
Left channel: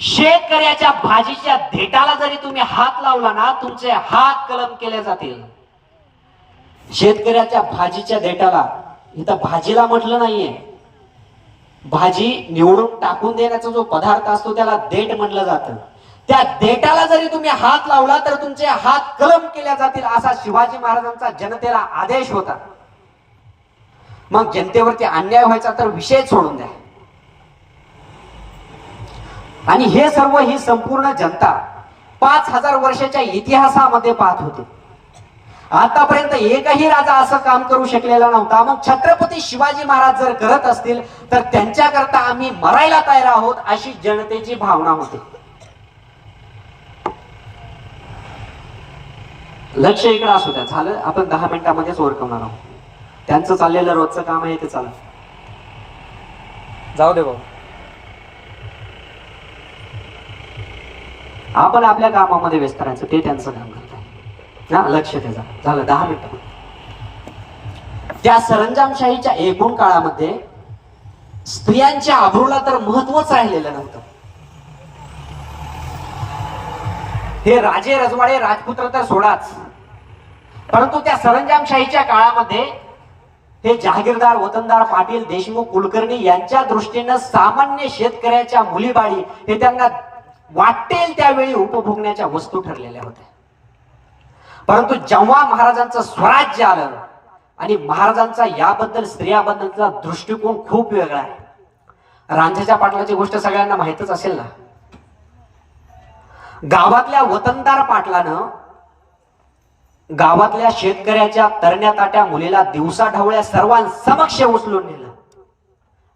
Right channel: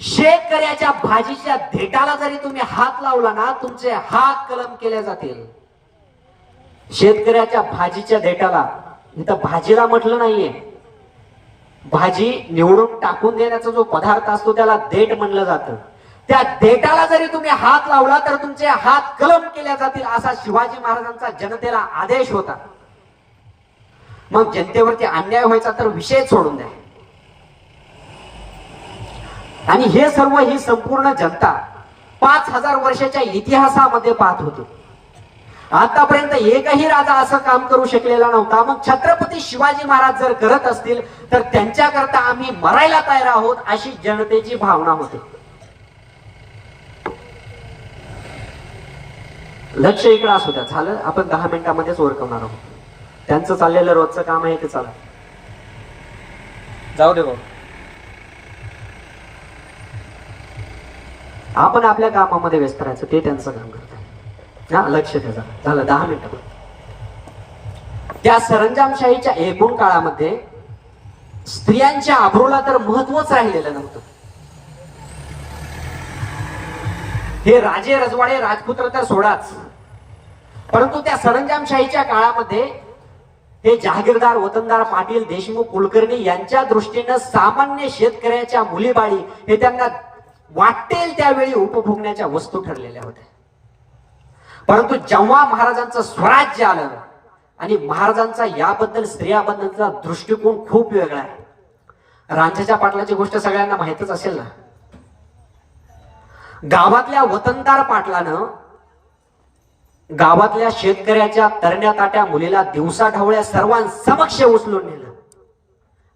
शेतकऱ्याच्या भाजीच्या देठाला जरी तुम्ही हात लावला ना, तुमचे हात कलम केले जातील. शेतकऱ्याच्या भाजीच्या देठाला, इथं भाजीला म्हटलं नाहीये, भाजी निवडून टाकून देण्याचा जो पदार्थ असतो त्याला देठ म्हणलं जातं. त्या देठाला जरी तुम्ही हात लावला तर तुमचे हात कलम केल्या जातील, असा शिवाजी महाराजांचा जनतेला आदेश होता. मग जनतेवरती अन्याय व्हायचा तर विषय सोडून द्या. आणि हे सर्व, ही संपूर्ण जनता 5000 वर्षाच्या इतिहासामध्ये पाहत होते. आतापर्यंत एकही राजा असं काम करू शकलेला नव्हता. मग छत्रपती शिवाजी महाराज जर करत असतील तर त्यांच्याकरता आम्ही मरायला तयार आहोत, अशी जनतेची भावना होती. लक्ष इकडे असू द्या. झालं, आपण 10 मिनिटांमध्येच ओरकवणार आहोत. त्यांचं चाललेलं रोजचं काम आहे ते चालू जाऊ दे भाऊ. आपण आपल्या कामामध्ये व्यस्त राहायचं, ते त्यांचं काम करत आहे. हा, लक्ष द्या. झालं 10 मिनिटं. त्या सरंजामशाहीच्या एकूण काळामध्ये स्त्रियांच्या आबरूला तर महत्वच राहिलेलं नव्हतं. हे राजे रजवाडे राजपुत्र तर सोडाच, परंतु त्या सरंजामशाहीच्या काळामध्ये हे जहागीरदार, वतनदार, पाटील, देशमुख, कुलकर्णी यांच्या दृष्टीनं सामान्य शेतकऱ्याच्या मुलीबाळी हे त्यांना वाटेल त्यावेळी उपभोगण्याच्या वस्तू ठरलेल्या होत्या. परंतु जेव्हा महाराजांचं स्वराज्य आलं आणि महाराजांचा याबद्दल स्त्रियाबद्दलचा दृष्टिकोन खूप वेगळा आहे. रांझेच्या पाटलाची गोष्ट सगळ्यांना माहितच असेल ना. गावातल्या वतनदार पाटलानं गावातल्या शेतकऱ्याच्या तरण्या ताट्या मुलीला दिवसा ढवळ्या सर्वांसमक्ष उचलून नेलं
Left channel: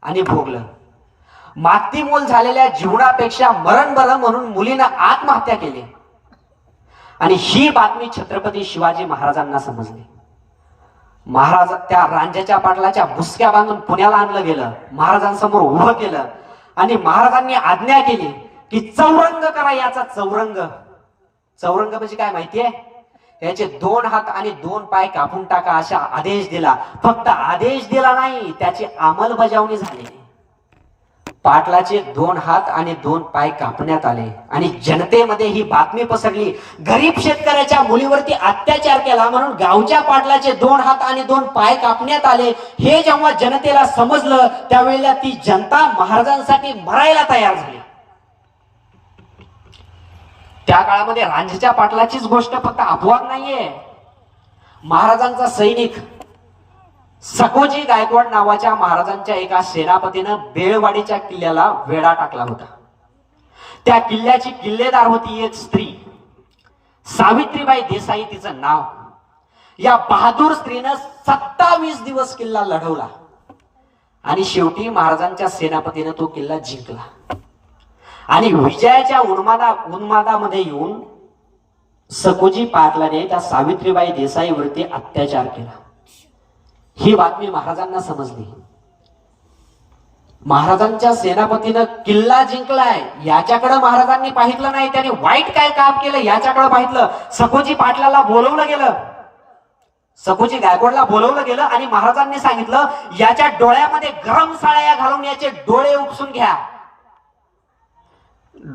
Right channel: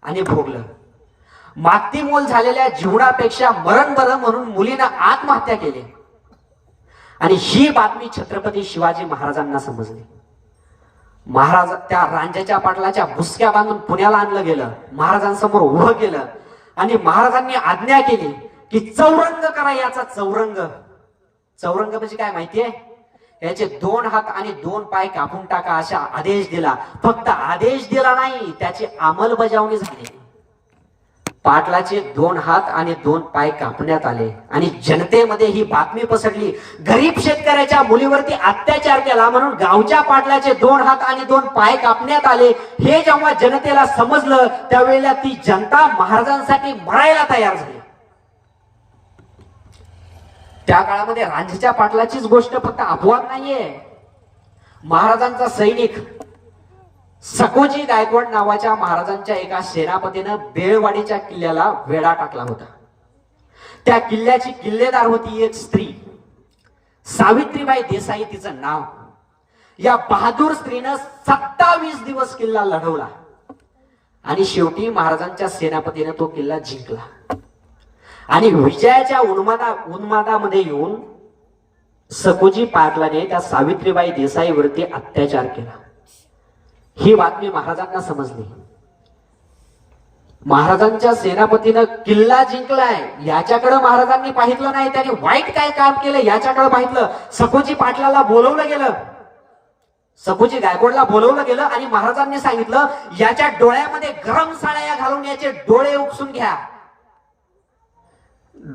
आणि भोगलं. मातीमोल झालेल्या जीवनापेक्षा मरण बरं म्हणून मुलीनं आत्महत्या केली. आणि ही बातमी छत्रपती शिवाजी महाराजांना समजली. महाराज त्या रांझेच्या पाटलाच्या भुसक्या बांधून पुण्याला आणलं गेलं, महाराजांसमोर उभं केलं आणि महाराजांनी आज्ञा केली की चौरंग करा याचा. चौरंग म्हणजे काय माहितीये? याचे 2 हात आणि 2 पाय कापून टाका असा आदेश दिला. फक्त आदेश दिला नाही, त्याची अंमलबजावणी झाली. पाटलाचे 2 हात आणि 2 पाय कापण्यात आले आणि जनतेमध्ये ही बातमी पसरली, गरीब शेतकऱ्याच्या मुलीवरती अत्याचार केला म्हणून गावच्या पाटलाचे 2 हात आणि 2 पाय कापण्यात आले. हे जेव्हा जनतेला समजलं त्यावेळेला ती जनता महाराजांसाठी मरायला तयार झाली. त्या काळामध्ये रांझेच्या पाटलाचीच गोष्ट फक्त अपवाद नाहीये. महाराजांचा सैनिक सकोजी गायकवाड नावाच्या महाराजांच्या एका सेनापतीनं बेळवाडीच्या किल्ल्याला वेढा टाकला होता. त्या किल्ल्याची किल्लेदार होती एक स्त्री, सावित्रीबाई देसाई तिचं नाव. या बहादूर स्त्रीनं 27 दिवस किल्ला लढवला आणि शेवटी महाराजांच्या सेनापतीने तो किल्ला जिंकला. आणि विजयाच्या उन्मादामध्ये येऊन सकोजी पाटलाने त्या सावित्रीबाई देसाईवरती अत्याचार केला. ही बातमी महाराजांना समजली. महाराजांच्या सेनापतीनं किल्ला जिंकलाय याच्याकडे महाराजांनी पाहिलं नाही, त्याने वाईट काय काम केलं याच्याकडे पाहिलं. सकोजी पाटलाला बोलवलं गेलं, सकोजी गायकवाडला बोलवलं गेलं आणि महाराजांनी सांगितलं याच्या डोळ्यामध्ये गरम साळ्या घालून याचे डोळे उपसून घ्या.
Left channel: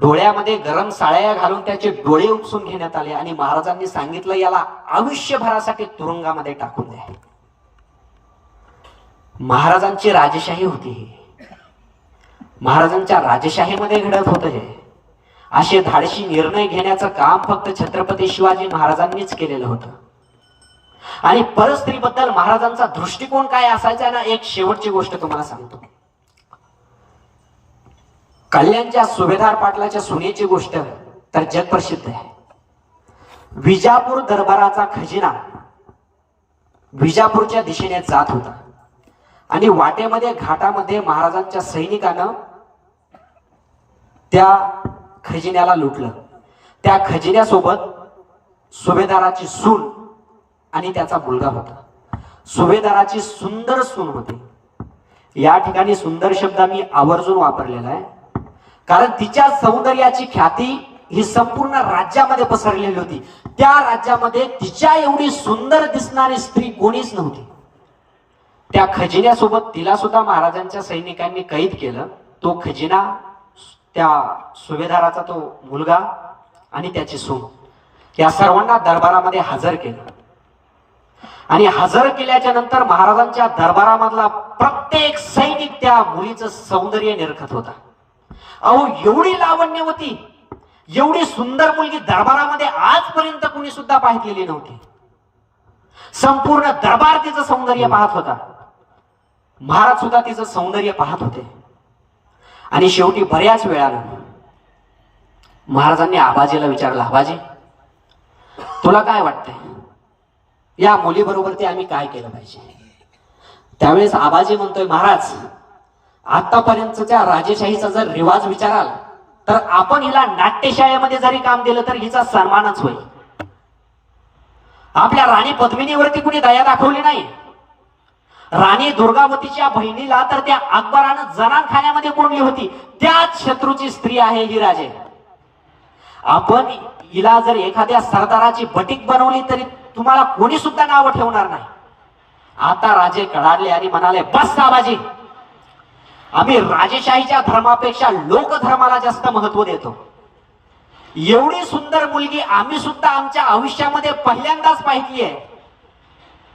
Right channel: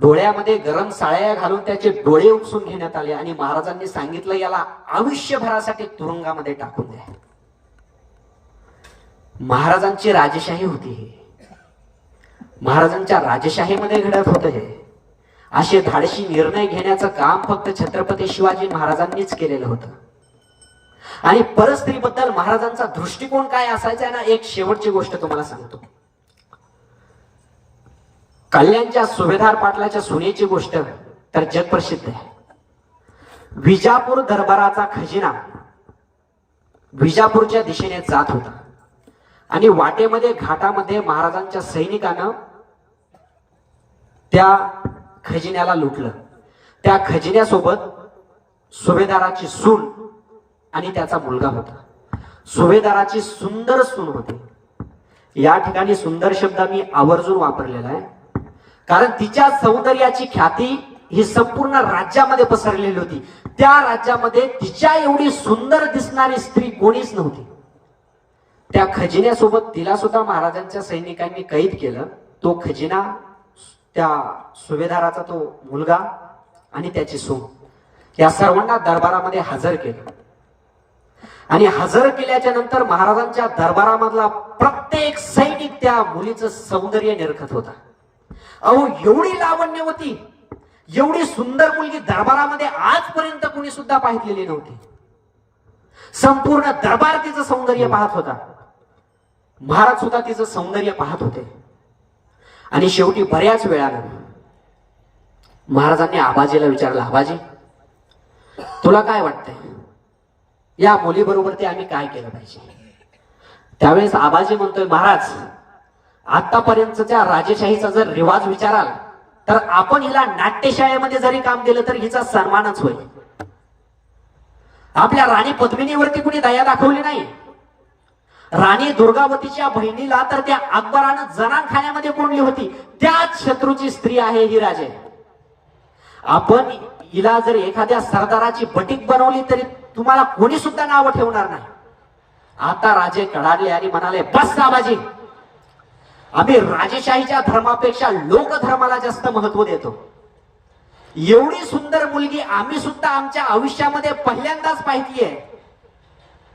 डोळ्यामध्ये गरम साळ्या घालून त्याचे डोळे उपसून घेण्यात आले आणि महाराजांनी सांगितलं याला आयुष्यभरासाठी तुरुंगामध्ये टाकून द्या. महाराजांची राजेशाही होती ही. महाराजांच्या राजेशाहीमध्ये घडत होतं हे. असे धाडशी निर्णय घेण्याचं काम फक्त छत्रपती शिवाजी महाराजांनीच केलेलं होतं. आणि परस्त्रीबद्दल महाराजांचा दृष्टिकोन काय असायचा ना, एक शेवटची गोष्ट तुम्हाला सांगतो. कल्याणच्या सुभेदार पाटलाच्या सुनेची गोष्ट तर जगप्रसिद्ध आहे. विजापूर दरबाराचा खजिना विजापूरच्या दिशेने जात होता आणि वाटेमध्ये घाटामध्ये महाराजांच्या सैनिकानं त्या खजिन्याला लुटलं. त्या खजिन्यासोबत सुभेदाराची सून आणि त्याचा मुलगा होता. सुभेदाराची सुंदर सून होती. या ठिकाणी सुंदर शब्दांनी आवर्जून वापरलेला आहे, कारण तिच्या सौंदर्याची ख्याती ही संपूर्ण राज्यामध्ये पसरलेली होती. त्या राज्यामध्ये तिच्या एवढी सुंदर दिसणारी स्त्री कोणीच नव्हती. त्या खजिन्यासोबत तिला सुद्धा महाराजांच्या सैनिकांनी कैद केलं. तो खजिना, त्या सुभेदाराचा तो मुलगा आणि त्याची सून या सर्वांना दरबारामध्ये हजर केलं. आणि हजर केल्याच्या नंतर महाराजांच्या दरबारामधला प्रत्येक सैनिक त्या मुलीचं सौंदर्य निरखत होता. अहो, एवढी लावण्यवती, एवढी सुंदर मुलगी दरबारामध्ये आजपर्यंत कोणी सुद्धा पाहिलेली नव्हती. संपूर्ण दरबार तिचं सौंदर्य पाहत होता. महाराज सुद्धा तिचं सौंदर्य पाहत होते. आणि शेवटी बऱ्याच वेळानं महाराजांनी आबाजीला विचारलं, आबाजी तुला काय वाटतंय? या मुलीबरोबर ते आम्ही काय केलं पाहिजे. त्यावेळेस आबाजी म्हणतोय, महाराज आतापर्यंतच्या राजेशाहीचा जर रिवाज विचाराल तर आपण हिला नाट्यशाळेमध्ये जरी काम दिलं तर हिचा सन्मानच होईल. आपल्या राणी पद्मिनीवरती कुणी दया दाखवली नाही. राणी दुर्गावतीच्या बहिणीला तर त्या अकबरानं जनानखान्यामध्ये कोंडली होती. त्याच शत्रूची स्त्री आहे ही राजे. आपण हिला जर एखाद्या सरदाराची बटीक बनवली तरी तुम्हाला कोणी सुद्धा नावं ठेवणार नाही. आता राजे कडाडले आणि म्हणाले, बस आबाजी, आम्ही राजेशाहीच्या धर्मापेक्षा लोकधर्माला जास्त महत्व देतो. एवढी सुंदर मुलगी आम्ही सुद्धा आमच्या आयुष्यामध्ये पहिल्यांदाच पाहिली आहे.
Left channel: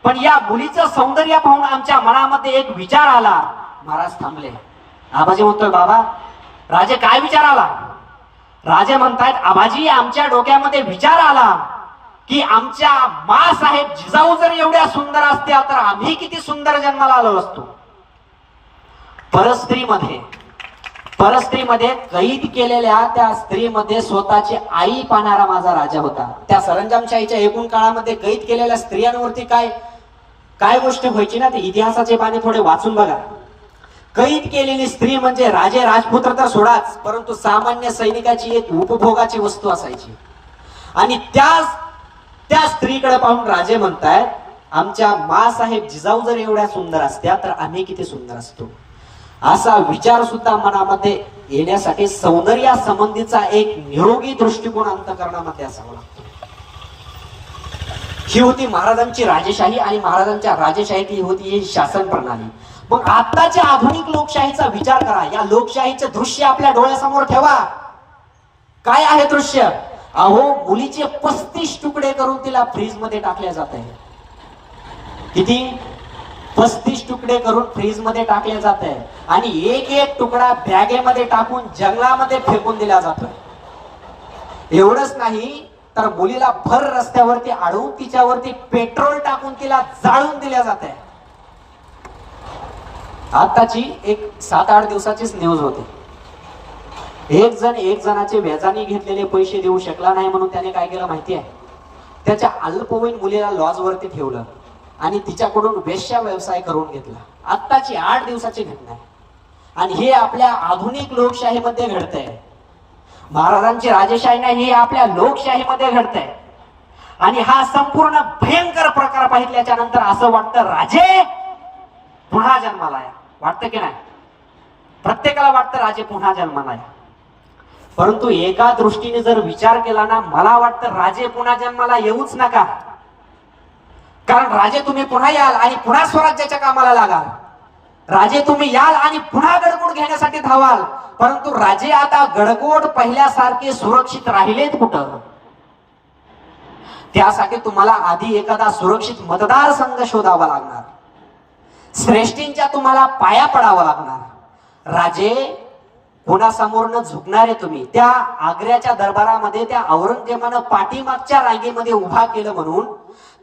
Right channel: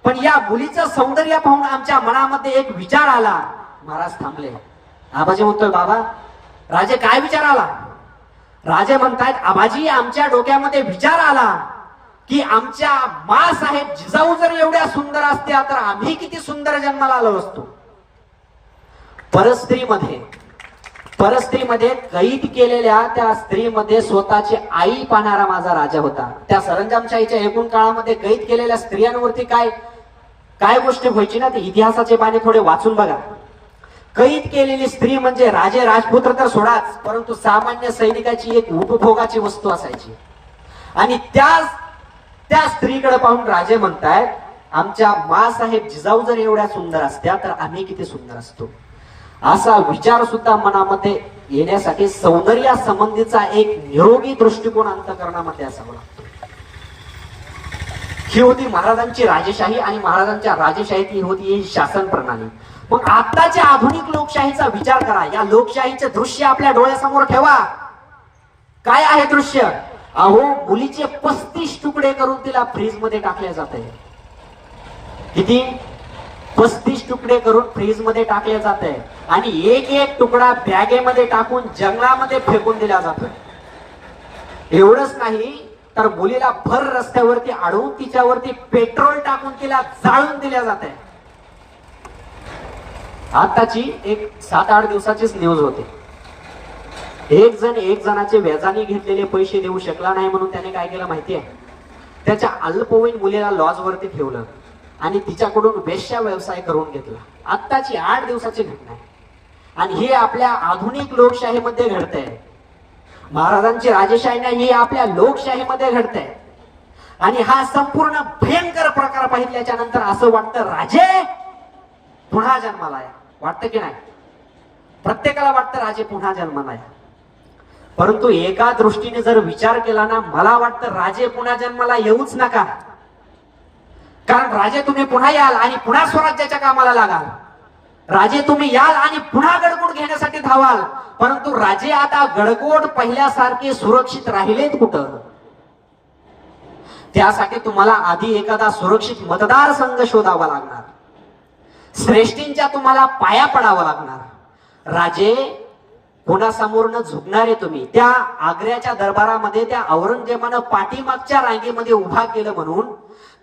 पण या मुलीचं सौंदर्य पाहून आमच्या मनामध्ये एक विचार आला. महाराज थांबले. आबाजी म्हणतोय, बाबा राजे काय विचार आला? राजे म्हणतायत, आबाजी आमच्या डोक्यामध्ये विचार आला की आमच्या माँसाहेब जिजाऊ जर एवढ्या सुंदर असत्या तर आम्ही किती सुंदर जन्माला आलो असतो. परस्त्रीमध्ये कैद केलेल्या त्या स्त्रीमध्ये स्वतःची आई पाहणारा माझा राजा होता. त्या सरंजामशाहीच्या एकूण काळामध्ये कैद केलेल्या स्त्रियांवरती काय काय गोष्टी व्हायची ना, ते इतिहासाचे पाने थोडे वाचून बघा. कैद केलेली स्त्री म्हणजे राजे राजपुत्र तर सोडाच, परंतु सामान्य सैनिकाची एक उपभोगाची वस्तू असायची. आणि त्या स्त्रीकडे पाहून राजे म्हणतायत, आमच्या माँसाहेब जिजाऊ जर एवढ्या सुंदर असत्या तर आम्ही किती सुंदर असतो. असा विचार सुद्धा मनामध्ये येण्यासाठी सौंदर्या संबंधीचा एक निरोगी दृष्टिकोन अंतःकरणामध्ये असावा लागतो. ही होती महाराजांची राजेशाही आणि महाराजांच्या राजेशाहीत ही होती ही शासन प्रणाली. मग आताच्या आधुनिक लोकशाहीचा विचार करा. या लोकशाहीचे दृश्य आपल्या डोळ्यासमोर ठेवा. काय आहे दृश्य? अहो, मुलीचे 35 तुकडे करून तिला फ्रीज मध्ये टाकले जात आहे. किती? 35 तुकडे करून फ्रीज मध्ये टाकले जात आहे. आणि एक एक तुकडा बॅगेमध्ये टाकून जंगलामध्ये फेकून दिला जातोय. एवढंच नाही तर मुलीला भर रस्त्यावरती अडवून तिच्यावरती पेट्रोल टाकून तिला जाळून दिल्या जात आहे. आताची एक 7-8 दिवसाचीच न्यूज होते. एक जणाचे व्याजाने घेतलेले पैसे देऊ शकला नाही म्हणून त्याने काय केलं माहितीये? त्याच्या अल्पवयीन मुलीला लॉज वरती ठेवलं आणि तिच्याकडून वेश्या व्यवसाय करून घेतला. आत्ताची 8 दिवसाची घटना आहे. आणि हे आपल्या आधुनिक लोकशाहीमध्ये घडतंय. महाराजांची राजेशाही नाही, ही आपल्या लोकशाहीमध्ये घडतंय. आणि हा संपूर्ण भयंकर प्रकार पाहिल्याच्या नंतर असं वाटतं राजे पुन्हा जन्माला या. वाटतं की नाही? प्रत्येकाला वाटतं राजे पुन्हा जन्माला या. परंतु एका दृष्टीने जर विचार केला ना, मला वाटतं राजे पुन्हा जन्माला येऊच नका. कारण राजे तुम्ही पुन्हा याल आणि पुन्हा स्वराज्याच्या कामाला लागाल. राजे तुम्ही याल आणि पुन्हा गडकोट घेण्यासाठी धावाल. परंतु राजे आता गडकोट पहिल्यासारखे सुरक्षित राहिलेत कुठं? त्यासाठी तुम्हाला आधी एखादा सुरक्षित मतदारसंघ शोधावा लागणार. श्रेष्ठींच्या तुम्हाला पाया पडावं लागणार. राजे कोणासमोर झुकणारे तुम्ही. त्या आग्र्याच्या दरबारामध्ये त्या औरंगजेबानं पाठीमागच्या रांगेमध्ये उभा केलं म्हणून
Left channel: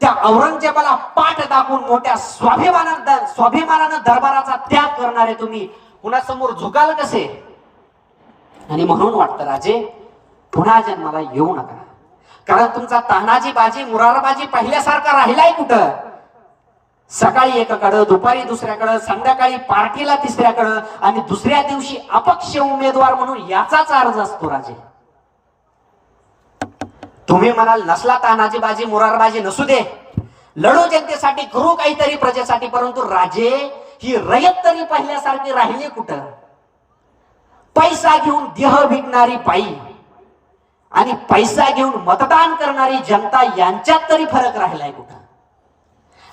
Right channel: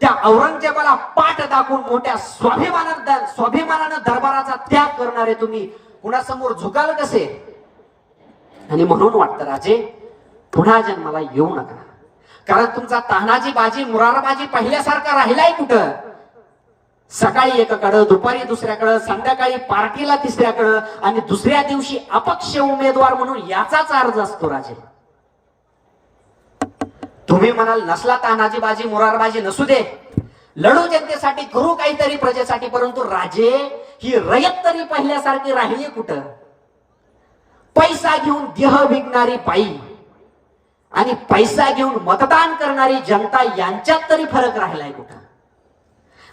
त्या औरंगजेबाला पाठ दाखवून मोठ्या स्वाभिमानानं दरबाराचा त्याग करणारे तुम्ही कुणासमोर झुकाल कसे? आणि म्हणून वाटतं राजे पुन्हा जन्माला येऊ नका. कारण तुमचा तानाजी बाजी मुरारबाजी पहिल्यासारखा राहिलाय कुठं? सकाळी एकाकडं, दुपारी दुसऱ्याकडं, संध्याकाळी पार्टीला तिसऱ्याकडं आणि दुसऱ्या दिवशी अपक्ष उमेदवार म्हणून याचाच अर्ज असतो राजे. तुम्ही म्हणाल नसला तानाजी बाजी मुरारबाजी नसू दे, लढू जनतेसाठी, करू काहीतरी प्रजेसाठी. परंतु राजे ही रयत तरी पहिल्यासारखी राहिली कुठं? पैसा घेऊन देह विकणारी बाई आणि पैसा घेऊन मतदान करणारी जनता यांच्यात तरी फरक राहिलाय कुठं?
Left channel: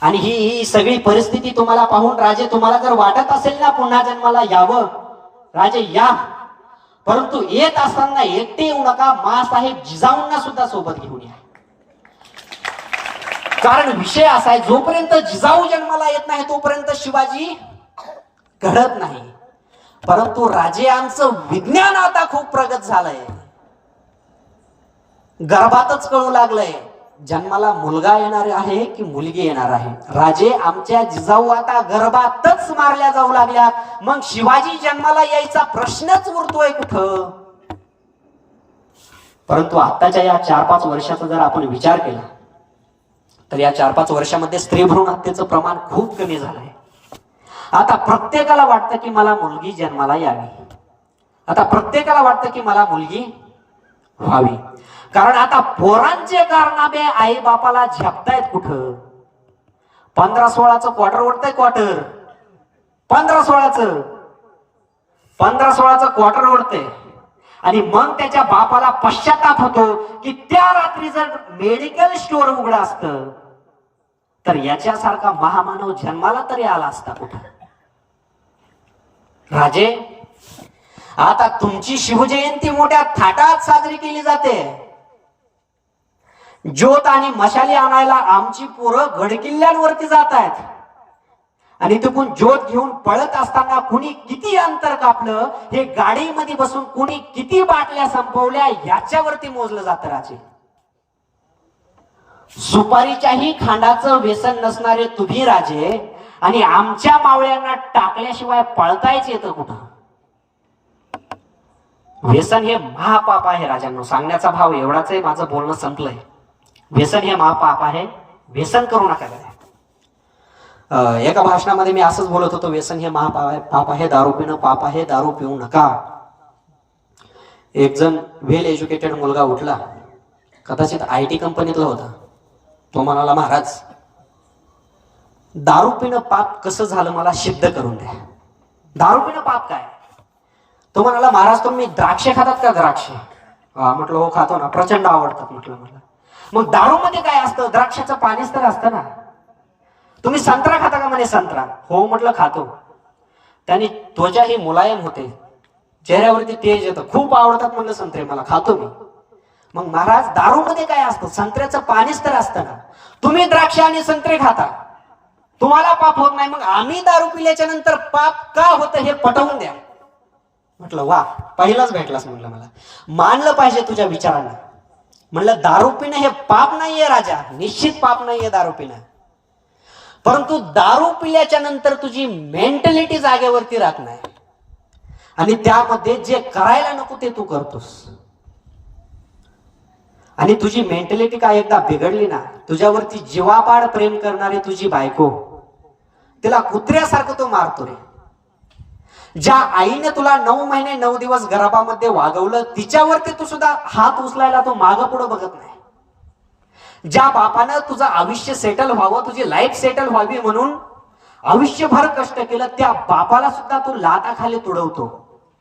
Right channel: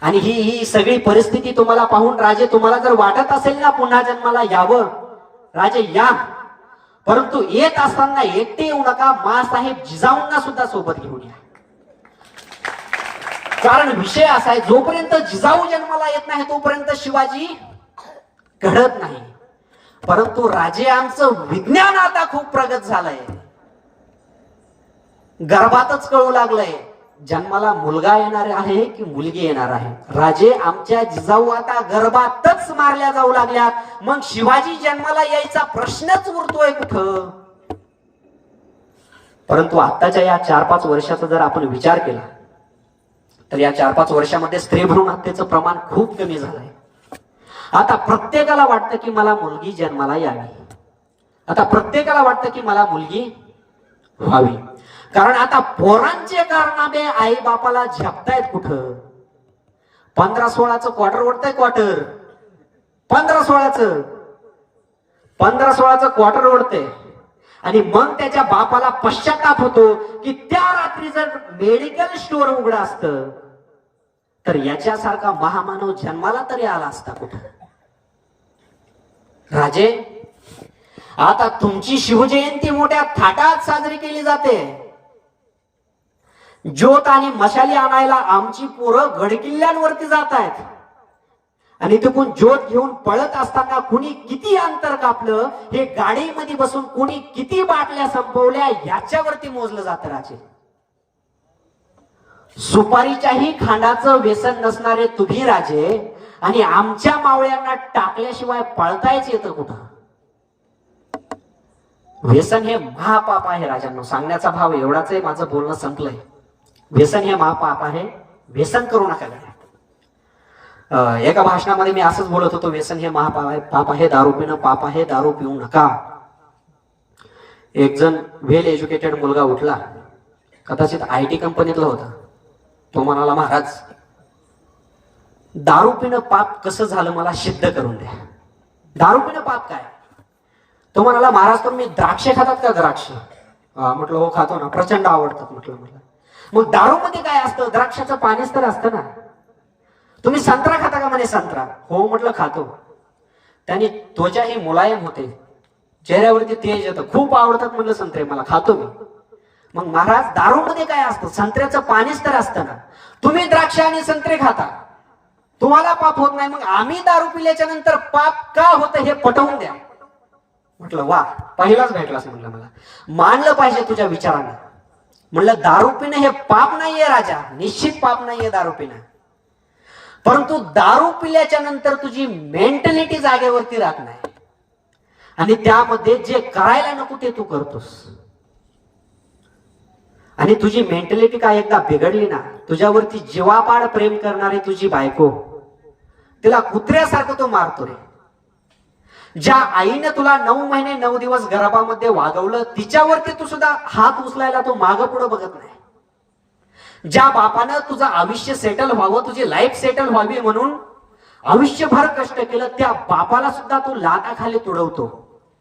आणि ही सगळी परिस्थिती तुम्हाला पाहून राजे, तुम्हाला जर वाटत असेल ना पुन्हा जन्माला यावं, राजे या. परंतु येत असताना एकटे येऊ नका. माँसाहेब जिजाऊंना सुद्धा सोबत घेऊन या. कारण विषय असा आहे, जोपर्यंत जिजाऊ जन्माला येत नाही तोपर्यंत शिवाजी घडत नाही. परंतु राजे आमचं विज्ञान आता खूप प्रगत झालंय. गर्भातच कळू लागलंय जन्माला मुलगा येणार आहे की मुलगी येणार आहे. राजे आमच्या जिजाऊ आता गर्भातच मारल्या जाऊ लागल्यात. मग शिवाजी जन्माला यायचा प्रश्नच उरतोय कुठं? परंतु आताच्या या 4-5 वर्षाचा जर आपण विचार केला तर या 4-5 वर्षामध्ये स्त्री भ्रूण हत्येचं प्रमाण खूप कमी झालंय. आता प्रत्येकाला वाटतं की मला मुलगी जन्माला यावी. आता प्रत्येकाला वाटतं की मला मुलगी व्हावी. कारण आता पोरांचे कारनामे आई बापाला झेपतायत कुठं. 15-16चं क्वार्टर ओढतंय. क्वार्टर 15-16चं क्वार्टर ओढते. आणि मग त्याच्या बापाला पश्चाताप होतो की त्या रात्री जर मेडिकल स्टोअर उघडं असतं तर याच्यासारखा महामानव जन्माला तरी आला असता कुठं. राजे, आता तुमची शिवजयंती मोठ्या थाटात साजरी केली जाते. ज्योत आणि मशाली आणायला आमची पोरं गडकिल्ल्यांवरती जात आहेत. आणि तिकडून ज्योत घेऊन पळत असताना कुणी किती अंतर कापलं हे गाडीमध्ये बसून कुणी किती बाटल्या संपवल्या याच्यावरती मोजलं जातं. राजे, सुपारीच्याही खांडाचं व्यसन नसणारे तुम्ही राजे आणि आमच्या मावळ्यांना टाकल्याशिवाय पळतायच येतं कुठं. व्यसन हे महापाप आहे. राजांनो, सांगण्याचा भाव एवढाच आहे. माझं बोलणं संपलंय. व्यसन हे महापाप आहे. व्यसन करू नका. एका भाषणामध्ये मी असंच बोलत होतो, व्यसन हे महापाप आहे, दारू पिणं पाप आहे, दारू पिऊ नका. एक जण वेल एज्युकेटेड मुलगा उठला, कदाचित IT कंपनीतला होता. तो म्हणाला, महाराज दारू पिणं पाप कसं झालं मला सिद्ध करून द्या. दारू पिणं पाप काय? तो म्हणाला, महाराज तुम्ही द्राक्षे खातात का? द्राक्ष. म्हटलं हो खातो ना, प्रचंड आवडतात. म्हटलं मला मग दारू मध्ये काय असतं? द्राक्षाचं पाणीच तर असतं ना. तुम्ही संत्रा खाता का? म्हणे संत्रा. हो म्हटलं खातो. त्याने त्वचा ही मुलायम होते, चेहऱ्यावरती तेज येतं. खूप आवडतात म्हणलं संत्रे मला, खातो मी. मग महाराज दारू मध्ये काय असतं? संत्र्याचं पाणीच तर असतं ना. तुम्ही द्राक्ष आणि संत्रे खाता, तुम्हाला पाप होत नाही, मग आम्ही दारू पिल्याच्या नंतर पाप का होतं हे पटवून द्या. म्हटलं वा, पहिलाच भेटलास म्हणलं मला. मानलं पाहिजे तुझ्या विचारांना. म्हणलं दारू पिणं हे पाप नाहीये राजा, निश्चित पाप नाहीये दारू पिणं. परंतु दारू पिल्याच्या नंतर तुझी मेंटॅलिटी जागेवरती राहत नाही आणि त्यामध्ये जे करायला नको ते तू करतोस. आणि तुझी मेंटॅलिटी काय एकदा बिघडली ना, तुझ्यावरती जीवापाड प्रेम करणारी तुझी बायको, तिला कुत्र्यासारखं तो मारतो रे. ज्या आईने तुला 9 महिने 9 दिवस गर्भामध्ये वागवलं, तिच्यावरती तू सुद्धा हात उचलायला तो मागं पुढे बघत नाही. ज्या बापानं तुझं आयुष्य सेटल व्हावं, तुझी लाईफ सेटल व्हावी म्हणून आयुष्यभर कष्ट केलं, त्या बापाला सुद्धा तू लाटाखाली तुडवतो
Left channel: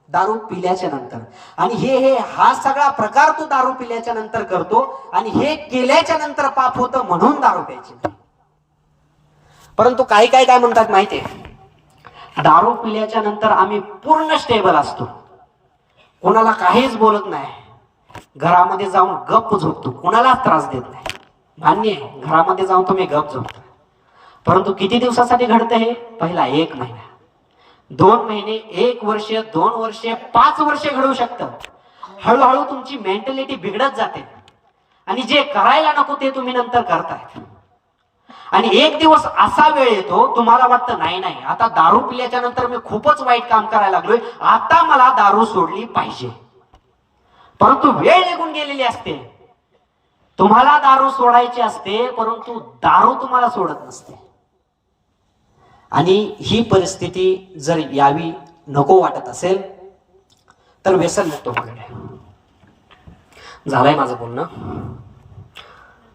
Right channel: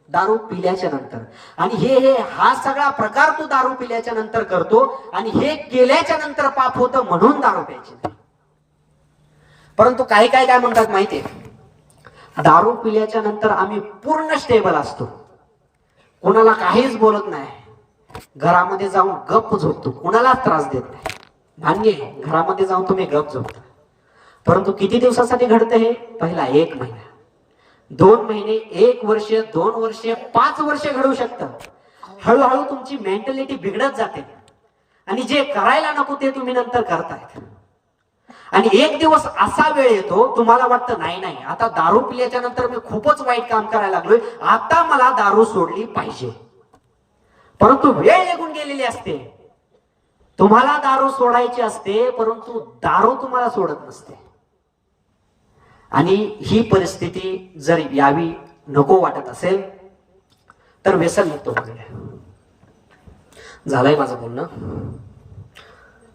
दारू पिल्याच्या नंतर. आणि हे हा सगळा प्रकार तू दारू पिल्याच्या नंतर करतो आणि हे केल्याच्या नंतर पाप होतं म्हणून दारू प्यायची नाही. परंतु काही काय म्हणतात माहितीये, दारू पिल्याच्या नंतर आम्ही पूर्ण स्टेबल असतो, कोणाला काहीच बोलत नाही, घरामध्ये जाऊन गप्प झोपतो, कोणाला त्रास देत नाही. मान्य आहे, घरामध्ये जाऊन तुम्ही गप झोपता. परंतु किती दिवसासाठी घडतं हे? पहिला 1 महिना, 2 महिने, 1 वर्ष, 2 वर्ष, 5 वर्ष घडू शकतं. हळूहळू तुमची मेंटॅलिटी बिघडत जाते आणि जे करायला नको ते तुम्ही नंतर करताय. आणि एक दिवस असा वेळ येतो, तुम्हाला वाटतं नाही आता दारू पिल्याच्या नंतर मी खूपच वाईट काम करायला लागलोय, आता मला दारू सोडली पाहिजे. परंतु वेळ निघून गेलेली असते. तुम्हाला दारू सोडायची असते, परंतु दारू तुम्हाला सोडत नसते. आणि ही परिस्थिती जर यावी नको वाटत असेल तर व्यसन मुक्त व्हावे. झालंय माझं बोलणं.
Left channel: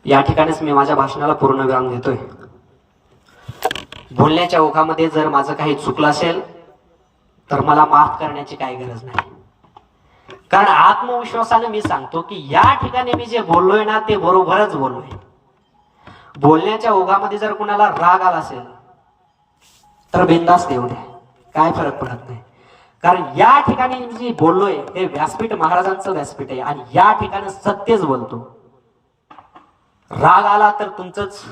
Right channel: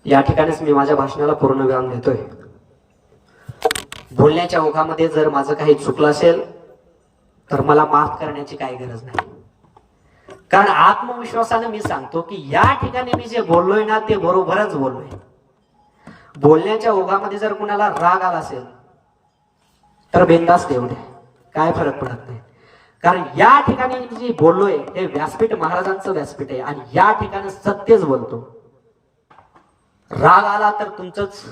या ठिकाणीच मी माझ्या भाषणाला पूर्णविराम देतोय. बोलण्याच्या ओघामध्ये जर माझं काही चुकलं असेल तर मला माफ करण्याची काही गरज नाही. कारण आत्मविश्वासाने मी सांगतो की या ठिकाणी मी जे बोललोय ना ते बरोबरच बोललोय. बोलण्याच्या ओघामध्ये जर कुणाला राग आला असेल तर बिनधास्त देऊ द्या, काय फरक पडत नाही. कारण या ठिकाणी मी जे बोललोय हे व्यासपीठ महाराजांचं व्यासपीठ आहे आणि या ठिकाणी सत्यच बोलतो. राग आला तर तुमचंच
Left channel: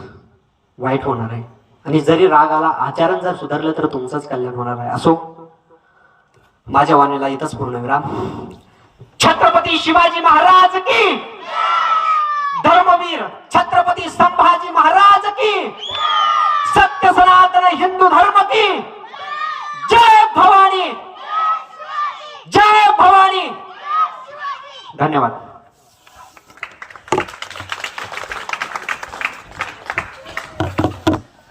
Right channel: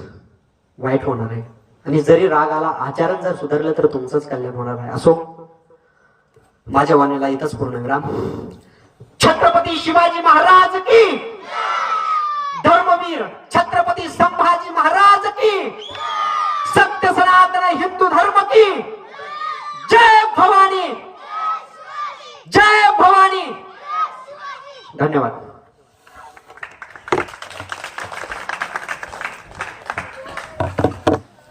वाईट होणार आहे आणि जरी राग आला, आचरण जर सुधारलं तर तुमचंच कल्याण होणार आहे. असो, माझ्या वाणीला इथंच पूर्णविराम. छत्रपती शिवाजी महाराज की, धर्मवीर छत्रपती संभाजी महाराज की, सत्य सनातन हिंदू धर्म की जय भवानी, जय भवानी. धन्यवाद.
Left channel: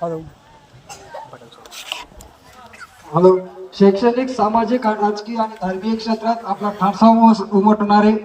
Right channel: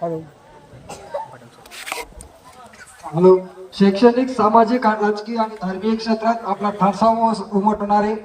हॅलो. शैक्षणिक, सामाजिक, राजकीय आणि धार्मिक क्षेत्रात आपल्या ठणसाव उमटणारे